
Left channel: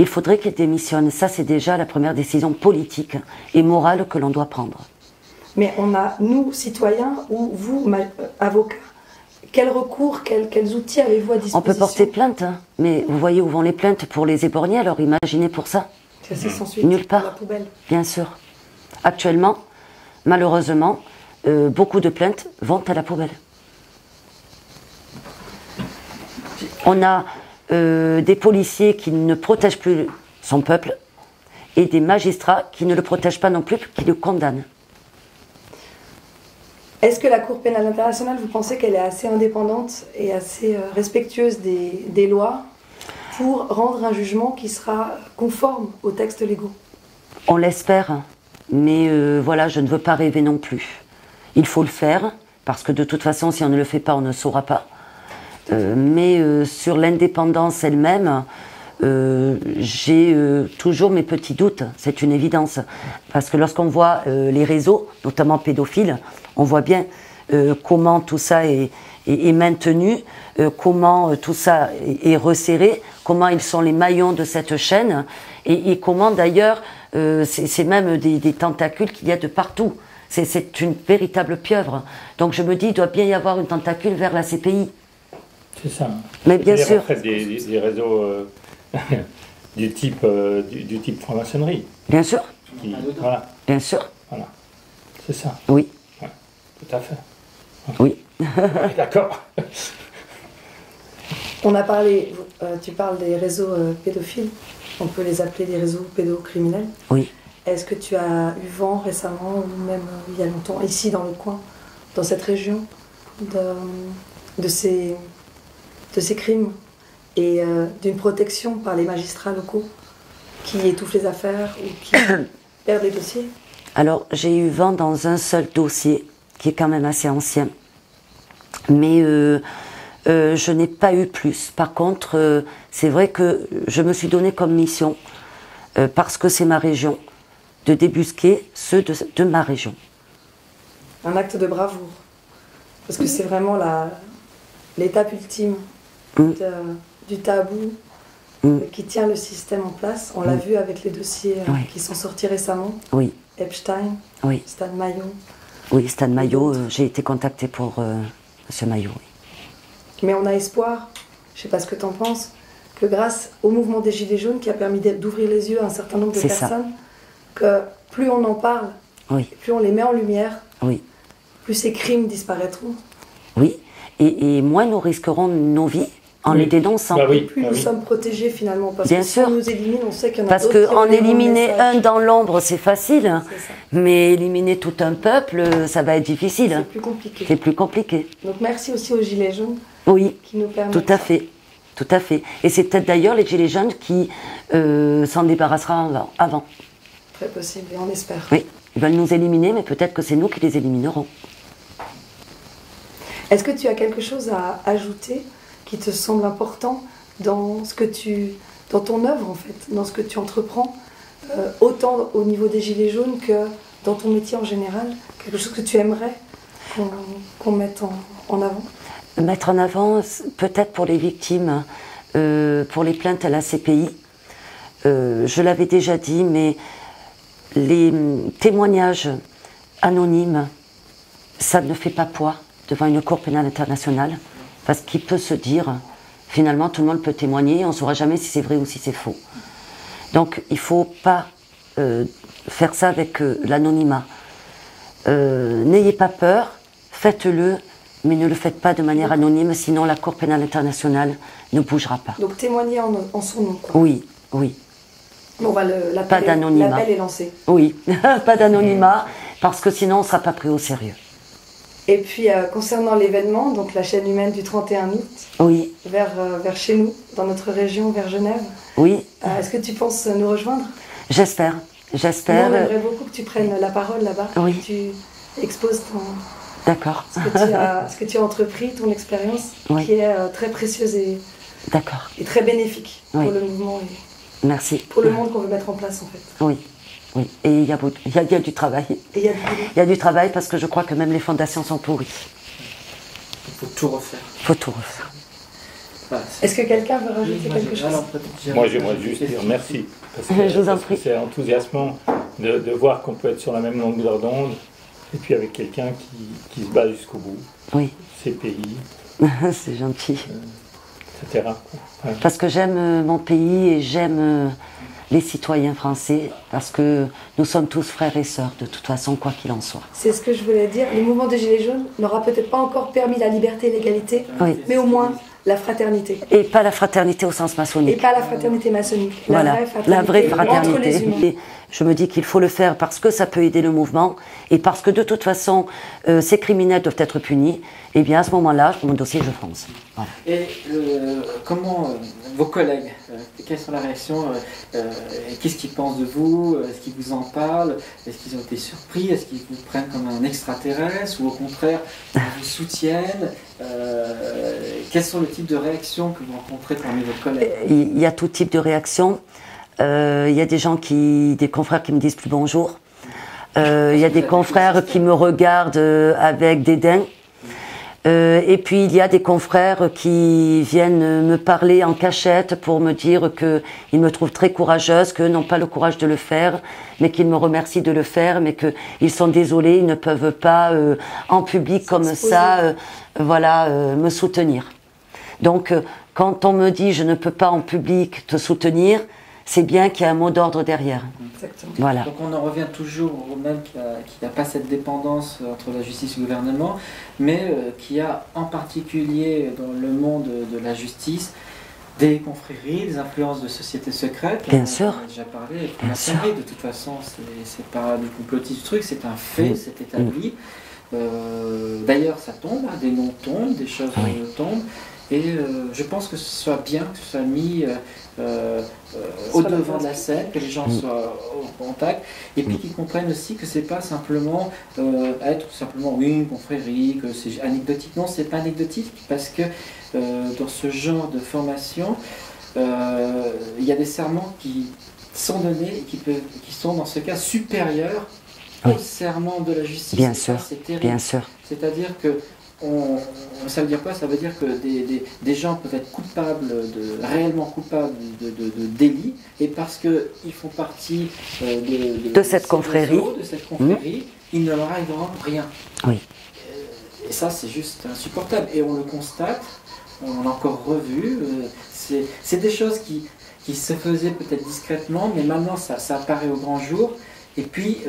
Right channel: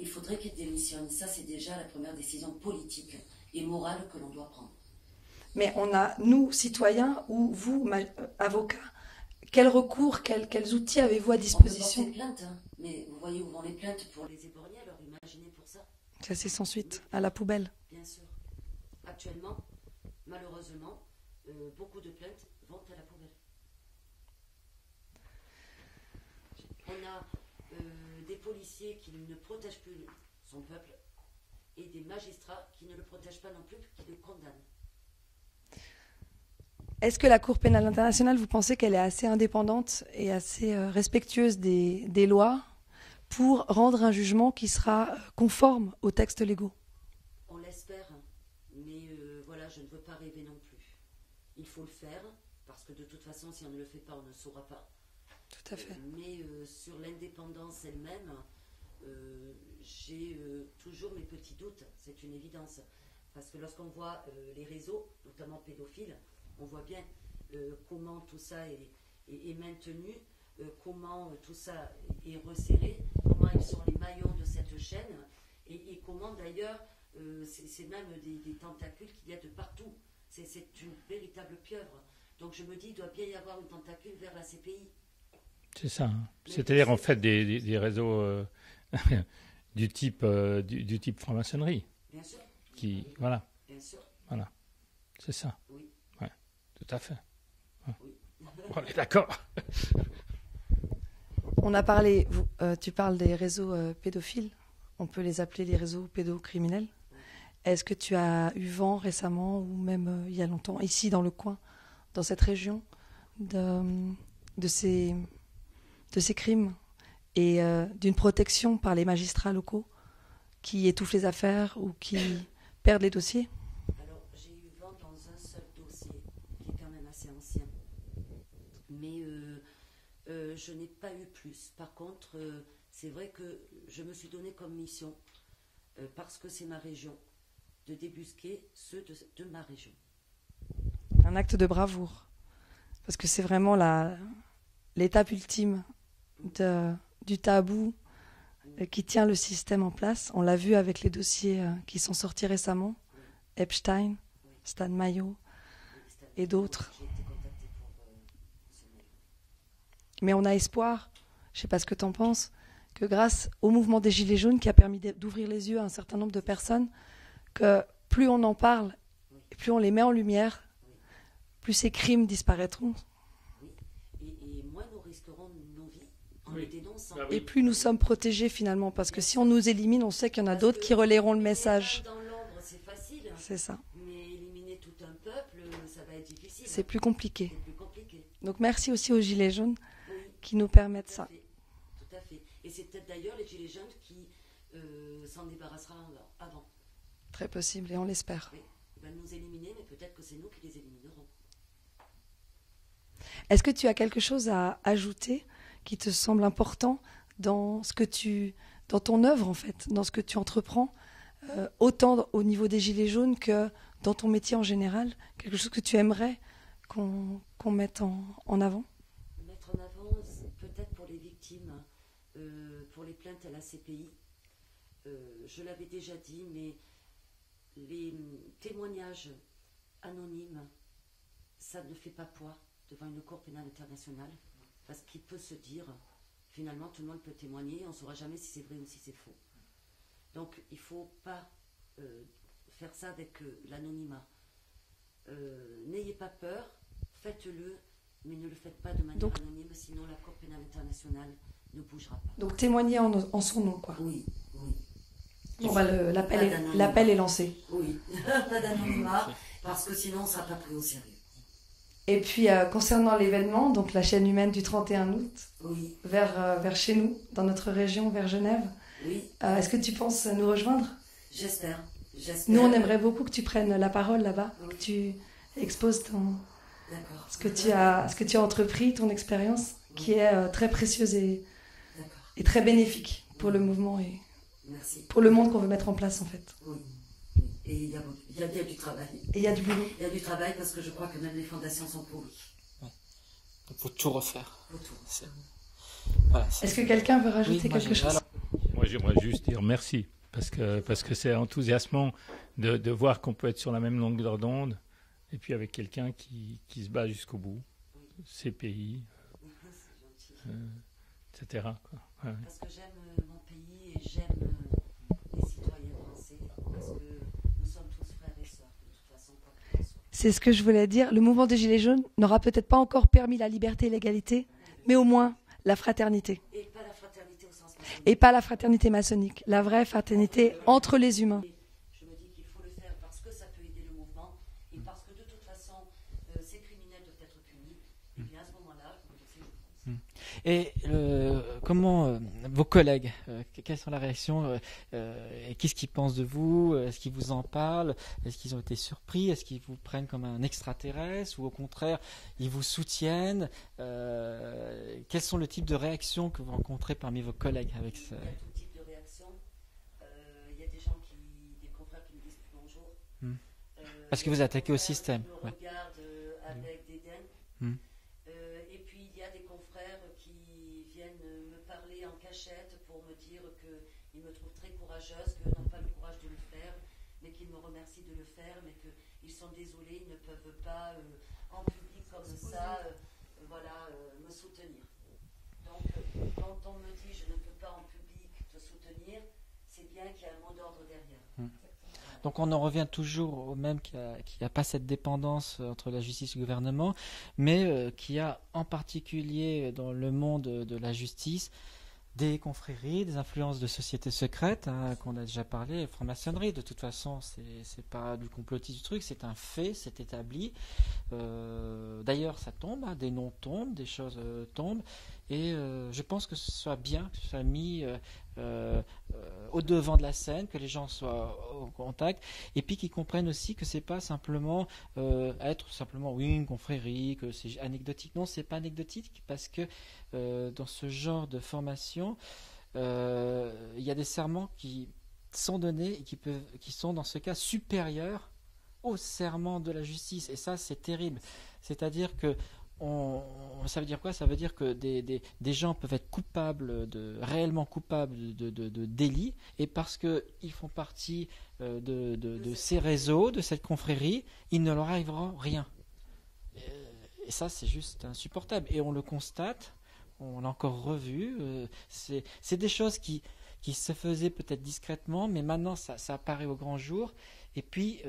Il faudrait qu'ils démissionnent. Ça, c'est déjà la première décision politique et morale que l'on doit prendre. Mais on a, nous, citoyens, ou vous, avocats, quel recours, quels outils avez-vous à disposition? On peut porter plainte, hein, mais vous voyez où vont les plaintes pour les éborgnés, alors imaginez pour ça. C'est sans suite. Nulle part. À la poubelle. Bien sûr. Actuellement, malheureusement, beaucoup de plaintes vont à la poubelle. On a des policiers qui ne protègent plus son peuple et des magistrats qui ne le protègent pas non plus, qui le condamnent. Est-ce que la Cour pénale internationale, vous pensez qu'elle est assez indépendante et assez respectueuse des lois pour rendre un jugement qui sera conforme aux textes légaux? On l'espère, mais voilà, je ne veux pas rêver non plus. Il faut le faire, parce que de toute façon, si on ne le fait pas, on ne saura pas. Mais sur l'indépendance elle-même, j'ai toujours mes petits doutes, c'est une évidence. Parce que lorsqu'on voit les réseaux, notamment pédophiles, on voit bien comment tout ça est maintenu, comment tout ça est resserré, comment ils sont les maillons de cette chaîne, et comment d'ailleurs, c'est même des tentacules qu'il y a de partout. C'est une véritable pieuvre. Donc je me dis, il doit bien y avoir une tentacule vers la CPI. C'est ça. Mais bien sûr. En fait, des réseaux du type franc-maçonnerie. Bien sûr. Voilà. Bien sûr. Voilà. C'est ça. Oui. Ouais, tout à fait. Oui. D'accord. On a parlé, tu parles des réseaux pédophiles, on peut les appeler des réseaux pédocriminels. Oui. Est-ce que tu as eu vent récemment, ou même il y a longtemps, ici dans le coin, dans cette région, de ces crimes et d'une protection par les magistrats locaux qui étouffent les affaires ou qui perdent les dossiers? Alors, j'ai eu vent dans un seul dossier, qui est quand même assez ancien. Mais je n'ai pas eu plus. Par contre, c'est vrai que je me suis donné comme mission, parce que c'est ma région, de débusquer ceux de ma région. Un acte de bravoure. Parce que c'est vraiment l'étape ultime du tabou qui tient le système en place. On l'a vu avec les dossiers qui sont sortis récemment. Oui. Epstein, Oui. Stan Mayo. Oui, Stan Mayo, j'ai été contactée pour M. Mayo. Oui. Mais on a espoir, je ne sais pas ce que tu en penses, que grâce au mouvement des Gilets jaunes qui a permis d'ouvrir les yeux à un certain nombre de personnes, que plus on en parle, plus on les met en lumière, plus ces crimes disparaîtront. Oui, et moins nous risquerons nos vies en les dénonçant. Bah oui, et plus nous sommes protégés finalement, parce Bien que si sûr. on nous élimine, on sait qu'il y en a d'autres Parce qui qu'en relaieront le éliminer message. un dans l'ombre, c'est facile, C'est ça. mais éliminer tout un peuple, ça va être difficile. C'est plus compliqué. C'est plus compliqué. Donc merci aussi aux Gilets jaunes Oui, qui nous permettent tout à fait. Tout à fait. Et c'est peut-être d'ailleurs les Gilets jaunes qui s'en débarrasseront avant. Très possible, et on espère. Oui, ils veulent nous éliminer, mais peut-être que c'est nous qui les éliminerons. Est-ce que tu as quelque chose à ajouter qui te semble important dans ton œuvre en fait, dans ce que tu entreprends, autant au niveau des Gilets jaunes que dans ton métier en général, quelque chose que tu aimerais qu'on mette en avant? Mettre en avant, peut-être pour les victimes, pour les plaintes à la CPI. Je l'avais déjà dit, mais les témoignages anonymes, ça ne fait pas poids devant une cour pénale internationale, parce qu'il peut se dire, finalement, tout le monde peut témoigner, on ne saura jamais si c'est vrai ou si c'est faux. Donc, il ne faut pas faire ça avec l'anonymat. N'ayez pas peur, faites-le, mais ne le faites pas de manière anonyme, sinon la Cour pénale internationale ne bougera pas. Donc témoigner en son nom, quoi. Oui, oui. On va Pas d'anonymat. L'appel est lancé. Oui, pas d'anonymat, parce que sinon on ne sera pas pris au sérieux. Et puis concernant l'événement, donc la chaîne humaine du 31 août, Oui, vers chez nous, dans notre région, vers Genève, oui, est-ce que tu penses nous rejoindre? j'espère. Nous, J'espère. on aimerait beaucoup que tu prennes la parole là-bas, Oui. que tu exposes D'accord. ce que tu as entrepris, ton expérience, Oui. qui est très précieuse et D'accord. très bénéfique Oui. pour le mouvement et Merci. pour le monde qu'on veut mettre en place en fait. Oui, oui. Et il y a du travail. Et il y a du boulot. Il y a du travail parce que je crois que même les fondations sont pourries. Il faut tout refaire. Il faut tout refaire. Voilà. Est-ce que quelqu'un veut rajouter quelque chose? Moi, j'aimerais juste dire merci, parce Je vous en que prie. c'est enthousiasmant de voir qu'on peut être sur la même longueur d'onde et puis avec quelqu'un qui se bat jusqu'au bout. Oui. CPI. C'est gentil. Etc. Ouais. Parce que j'aime mon pays et j'aime les citoyens français, parce que nous sommes tous frères et sœurs, de toute façon, quoi qu'il en soit. C'est ce que je voulais dire. Le mouvement des Gilets jaunes n'aura peut-être pas encore permis la liberté et l'égalité, Oui. mais au moins la fraternité. Et pas la fraternité au sens maçonnique. Et pas la fraternité maçonnique. Voilà, La vraie fraternité entre les humains. Et je me dis qu'il faut le faire parce que ça peut aider le mouvement et parce que de toute façon, ces criminels doivent être punis. Et bien à ce moment-là, mon dossier, je fonce. Voilà. Et comment vos collègues, quelles sont les réactions qu'est-ce qu'ils pensent de vous? Est-ce qu'ils vous en parlent? Est-ce qu'ils ont été surpris? Est-ce qu'ils vous prennent comme un extraterrestre? Ou au contraire, ils vous soutiennent? Quels sont les types de réactions que vous rencontrez parmi vos collègues? Il y a tout type de réactions. Il y a des confrères qui me disent plus bonjour. Il y a des confrères qui me regardent avec dédain. Et puis il y a des confrères qui viennent me parler en cachette pour me dire qu'ils me trouvent très courageuse, qu'eux n'ont pas le courage de le faire, mais qu'ils me remercient de le faire, mais qu'ils sont désolés, ils ne peuvent pas en public comme ça me soutenir. Donc quand on me dit je ne peux pas en public te soutenir, c'est bien qu'il y a un mot d'ordre derrière. Exactement. Voilà. Donc on en revient toujours au même qu'il n'y a pas cette dépendance entre la justice et le gouvernement, mais qu'il y a en particulier dans le monde de la justice des confréries, des influences de sociétés secrètes. Bien sûr. On a déjà parlé. Bien La sûr. connerie, de toute façon, c'est pas du complotisme du truc, c'est un fait, c'est établi. D'ailleurs, ça tombe, hein, des noms tombent, des choses tombent. Et je pense que ce soit bien que ce soit mis au devant de la scène, que les gens soient au contact, et puis qu'ils comprennent aussi que c'est pas simplement être simplement une confrérie, que c'est anecdotique. Non, c'est pas anecdotique, parce que dans ce genre de formation, il y a des serments qui sont donnés et qui sont dans ce cas supérieurs au serment de la justice. Bien sûr, c'est terrible. bien sûr. C'est-à-dire que ça veut dire quoi? Ça veut dire que des gens peuvent être réellement coupables de délits, et parce qu'ils font partie de cette confrérie, il ne leur arrivera rien. Oui. Et ça, c'est juste insupportable. Et on le constate, on l'a encore revu. C'est des choses qui se faisaient peut-être discrètement, mais maintenant ça apparaît au grand jour. Et puis,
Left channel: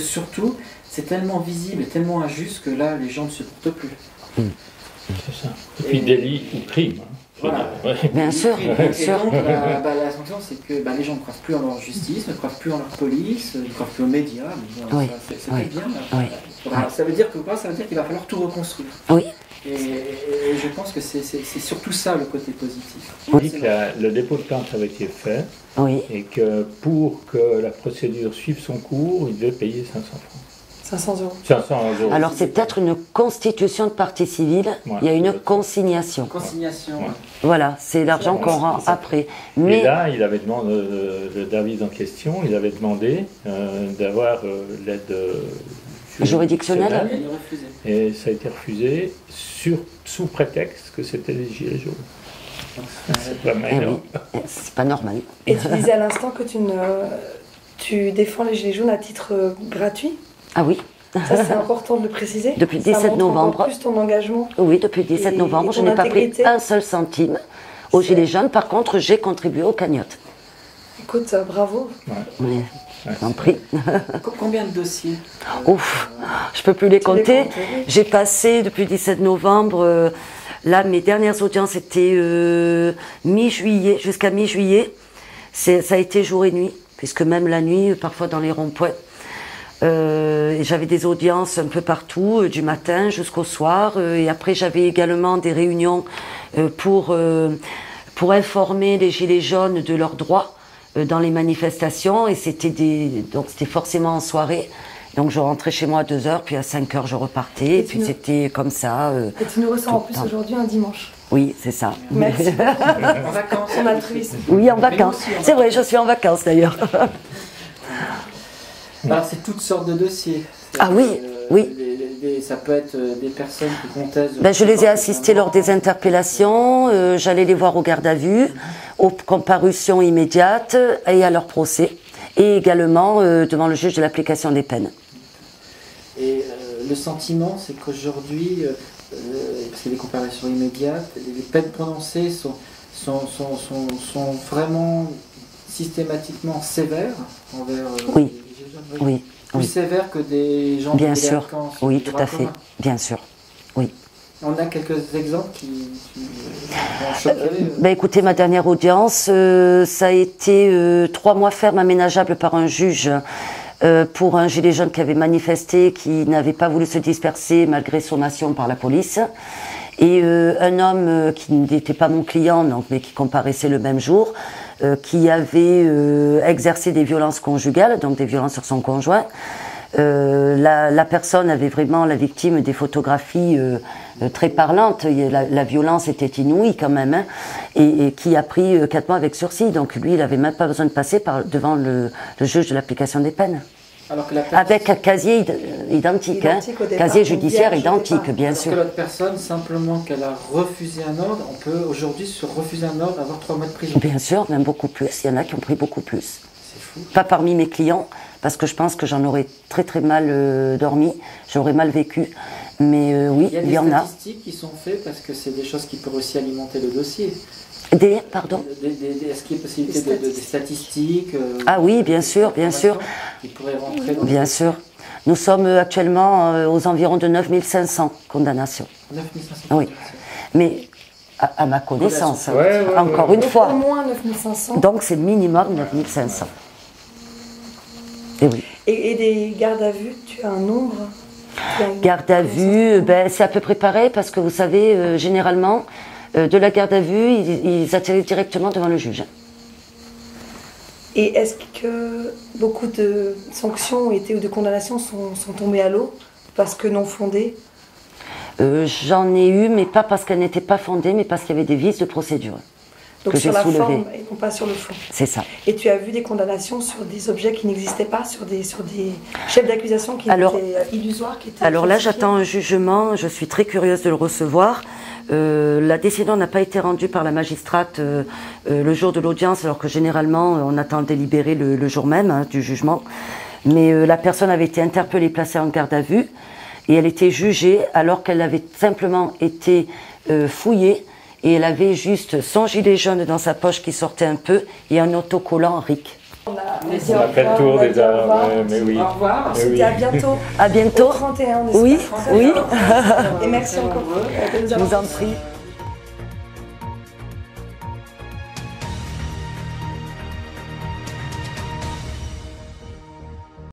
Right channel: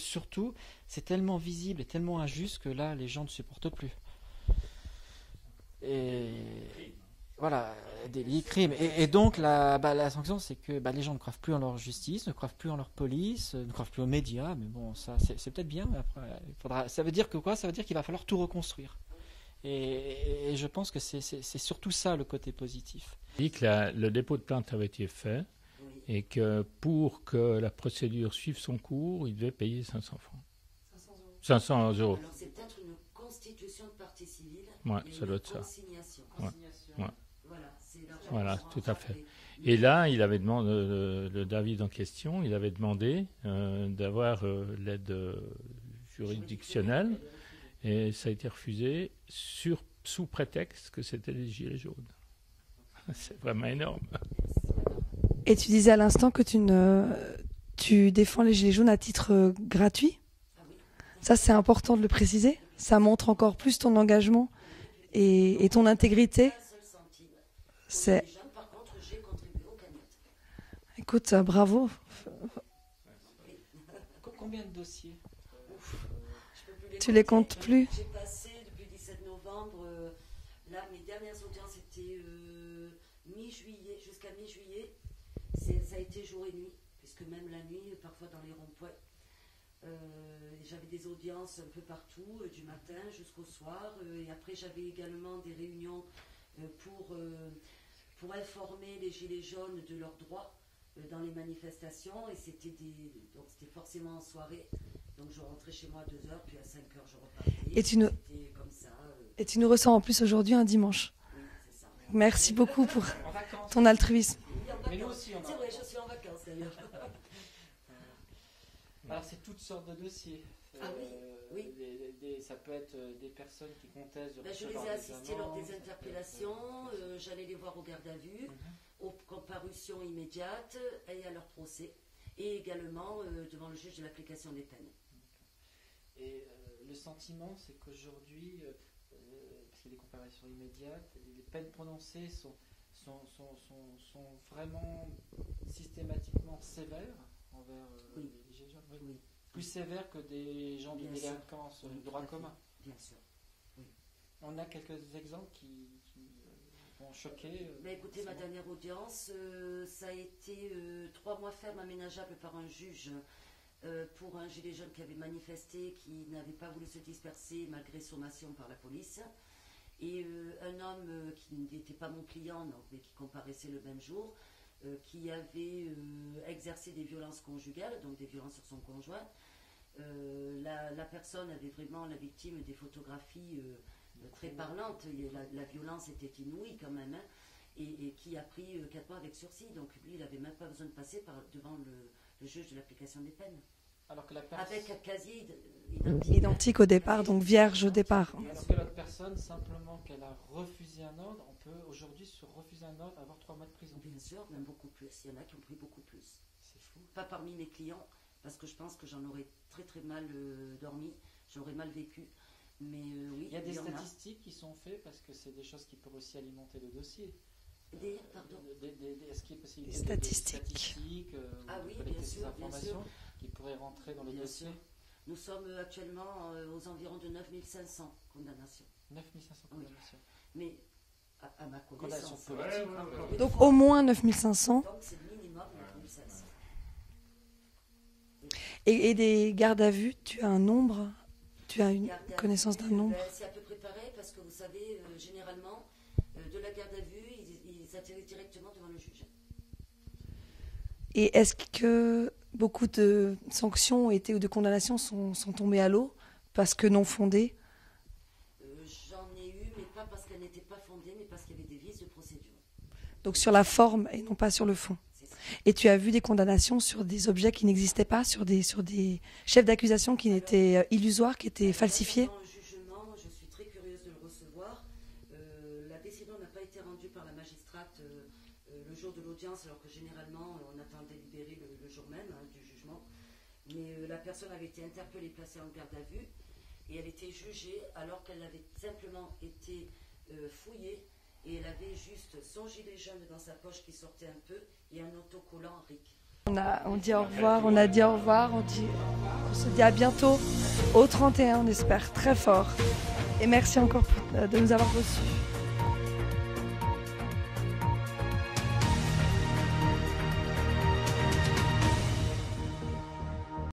surtout, c'est tellement visible et tellement injuste que là, les gens ne se portent plus. C'est ça. Et puis délit ou crime. Voilà. Bien sûr, bien sûr. Et donc, la sanction, c'est que les gens ne croient plus en leur justice, ne croient plus en leur police, ne croient plus aux médias. Mais bon, c'est bien. Ça veut dire que quoi? Ça veut dire qu'il va falloir tout reconstruire. Oui. Et je pense que c'est surtout ça le côté positif. On dit que le dépôt de plainte avait été fait, et que pour que la procédure suive son cours, il devait payer 500 francs. 500 euros. 500 euros. Alors c'est peut-être une constitution de partie civile, il y a une consignation. Consignation. Voilà, c'est l'argent qu'on rend après. Mais et là, il avait demandé, le David en question, il avait demandé d'avoir l'aide juridictionnelle. Et ça a été refusé sous prétexte que c'était les Gilets jaunes. C'est pas normal. Et tu disais à l'instant que tu défends les Gilets jaunes à titre gratuit. Ah oui. Ça, c'est important de le préciser. Depuis le ça 17 montre novembre. Encore plus ton engagement. Oui, depuis le 17 novembre, je n'ai pas pris un seul centime aux Gilets jaunes. Par contre, j'ai contribué aux cagnottes. Écoute, bravo. Oui, j'en prie. Combien de dossiers Ouf, je peux plus les compter. J'ai passé depuis le 17 novembre. Là, mes dernières audiences étaient mi-juillet, jusqu'à mi-juillet. Ça a été jour et nuit, puisque même la nuit, parfois dans les ronds-points. J'avais des audiences un peu partout, du matin jusqu'au soir. Et après, j'avais également des réunions pour informer les Gilets jaunes de leurs droits dans les manifestations. Et donc c'était forcément en soirée. Donc je rentrais chez moi à 2h, puis à 5h je repartais. Et puis c'était comme ça. Et tu nous ressens en plus aujourd'hui un dimanche. Oui, c'est ça. Merci beaucoup. En vacances, en altruisme. Oui, en vacances. C'est vrai, je suis en vacances d'ailleurs. Alors c'est toutes sortes de dossiers. Ah oui, oui. Ça peut être des personnes qui contestent. Je les ai assistés lors des interpellations, j'allais les voir au garde à vue, aux comparutions immédiates et à leur procès, et également devant le juge de l'application des peines. Et le sentiment, c'est qu'aujourd'hui, parce qu'il y a des comparaisons immédiates, les peines prononcées sont vraiment systématiquement sévères envers oui. les jeunes. Oui. Plus sévères que des gens bien de sûr. délinquance. Oui, tout à fait. Bien sûr. Oui. On a quelques exemples qui vont choquer. Ben écoutez, ma dernière audience, ça a été 3 mois ferme aménageable par un juge pour un gilet jaune qui avait manifesté, qui n'avait pas voulu se disperser malgré sommation par la police. Et un homme qui n'était pas mon client, donc, mais qui comparaissait le même jour, qui avait exercé des violences conjugales, donc des violences sur son conjoint. La personne avait vraiment, la victime, des photographies très parlantes. La violence était inouïe quand même, hein, et qui a pris 4 mois avec sursis. Donc lui, il n'avait même pas besoin de passer devant le juge de l'application des peines. Alors que la avec un casier identique, hein, casier judiciaire identique, bien sûr. Que l'autre personne, simplement qu'elle a refusé un ordre, on peut aujourd'hui se refuser un ordre, avoir 3 mois de prison. Bien sûr, même beaucoup plus. Il y en a qui ont pris beaucoup plus. C'est fou. Pas parmi mes clients, parce que je pense que j'en aurais très très mal dormi, j'aurais mal vécu. Mais oui, il y en a. Il y a des statistiques qui sont faites parce que c'est des choses qui peuvent aussi alimenter le dossier. Pardon. Est-ce qu'il y a possibilité des statistiques Ah oui, bien sûr, bien sûr. Qui pourraient rentrer dans bien sûr. Nous sommes actuellement aux environs de 9500 condamnations. 9500 oui. Mais à ma connaissance, encore une fois. Au moins 9500. Donc c'est minimum 9500. Et oui. Et des gardes à vue, tu as un nombre? Garde à vue, c'est à peu près pareil parce que vous savez, généralement, de la garde à vue, ils atterrissent directement devant le juge. Et est-ce que beaucoup de sanctions ou de condamnations sont tombées à l'eau parce que non fondées? J'en ai eu, mais pas parce qu'elles n'étaient pas fondées, mais parce qu'il y avait des vices de procédure. Donc sur la forme et non pas sur le fond. C'est ça. Et tu as vu des condamnations sur des objets qui n'existaient pas, sur des chefs d'accusation qui étaient illusoires, qui étaient alors falsifiés. Là, j'attends un jugement. Je suis très curieuse de le recevoir. La décision n'a pas été rendue par la magistrate le jour de l'audience, alors que généralement, on attend le délibéré le jour même du jugement. Mais la personne avait été interpellée, placée en garde à vue, et elle était jugée alors qu'elle avait simplement été fouillée. Et elle avait juste son gilet jaune dans sa poche qui sortait un peu et un autocollant RIC. On a dit au revoir. Au revoir. C'était à bientôt. À bientôt. Au 31, on espère. Oui, oui. Et merci encore de nous avoir. Je vous en prie.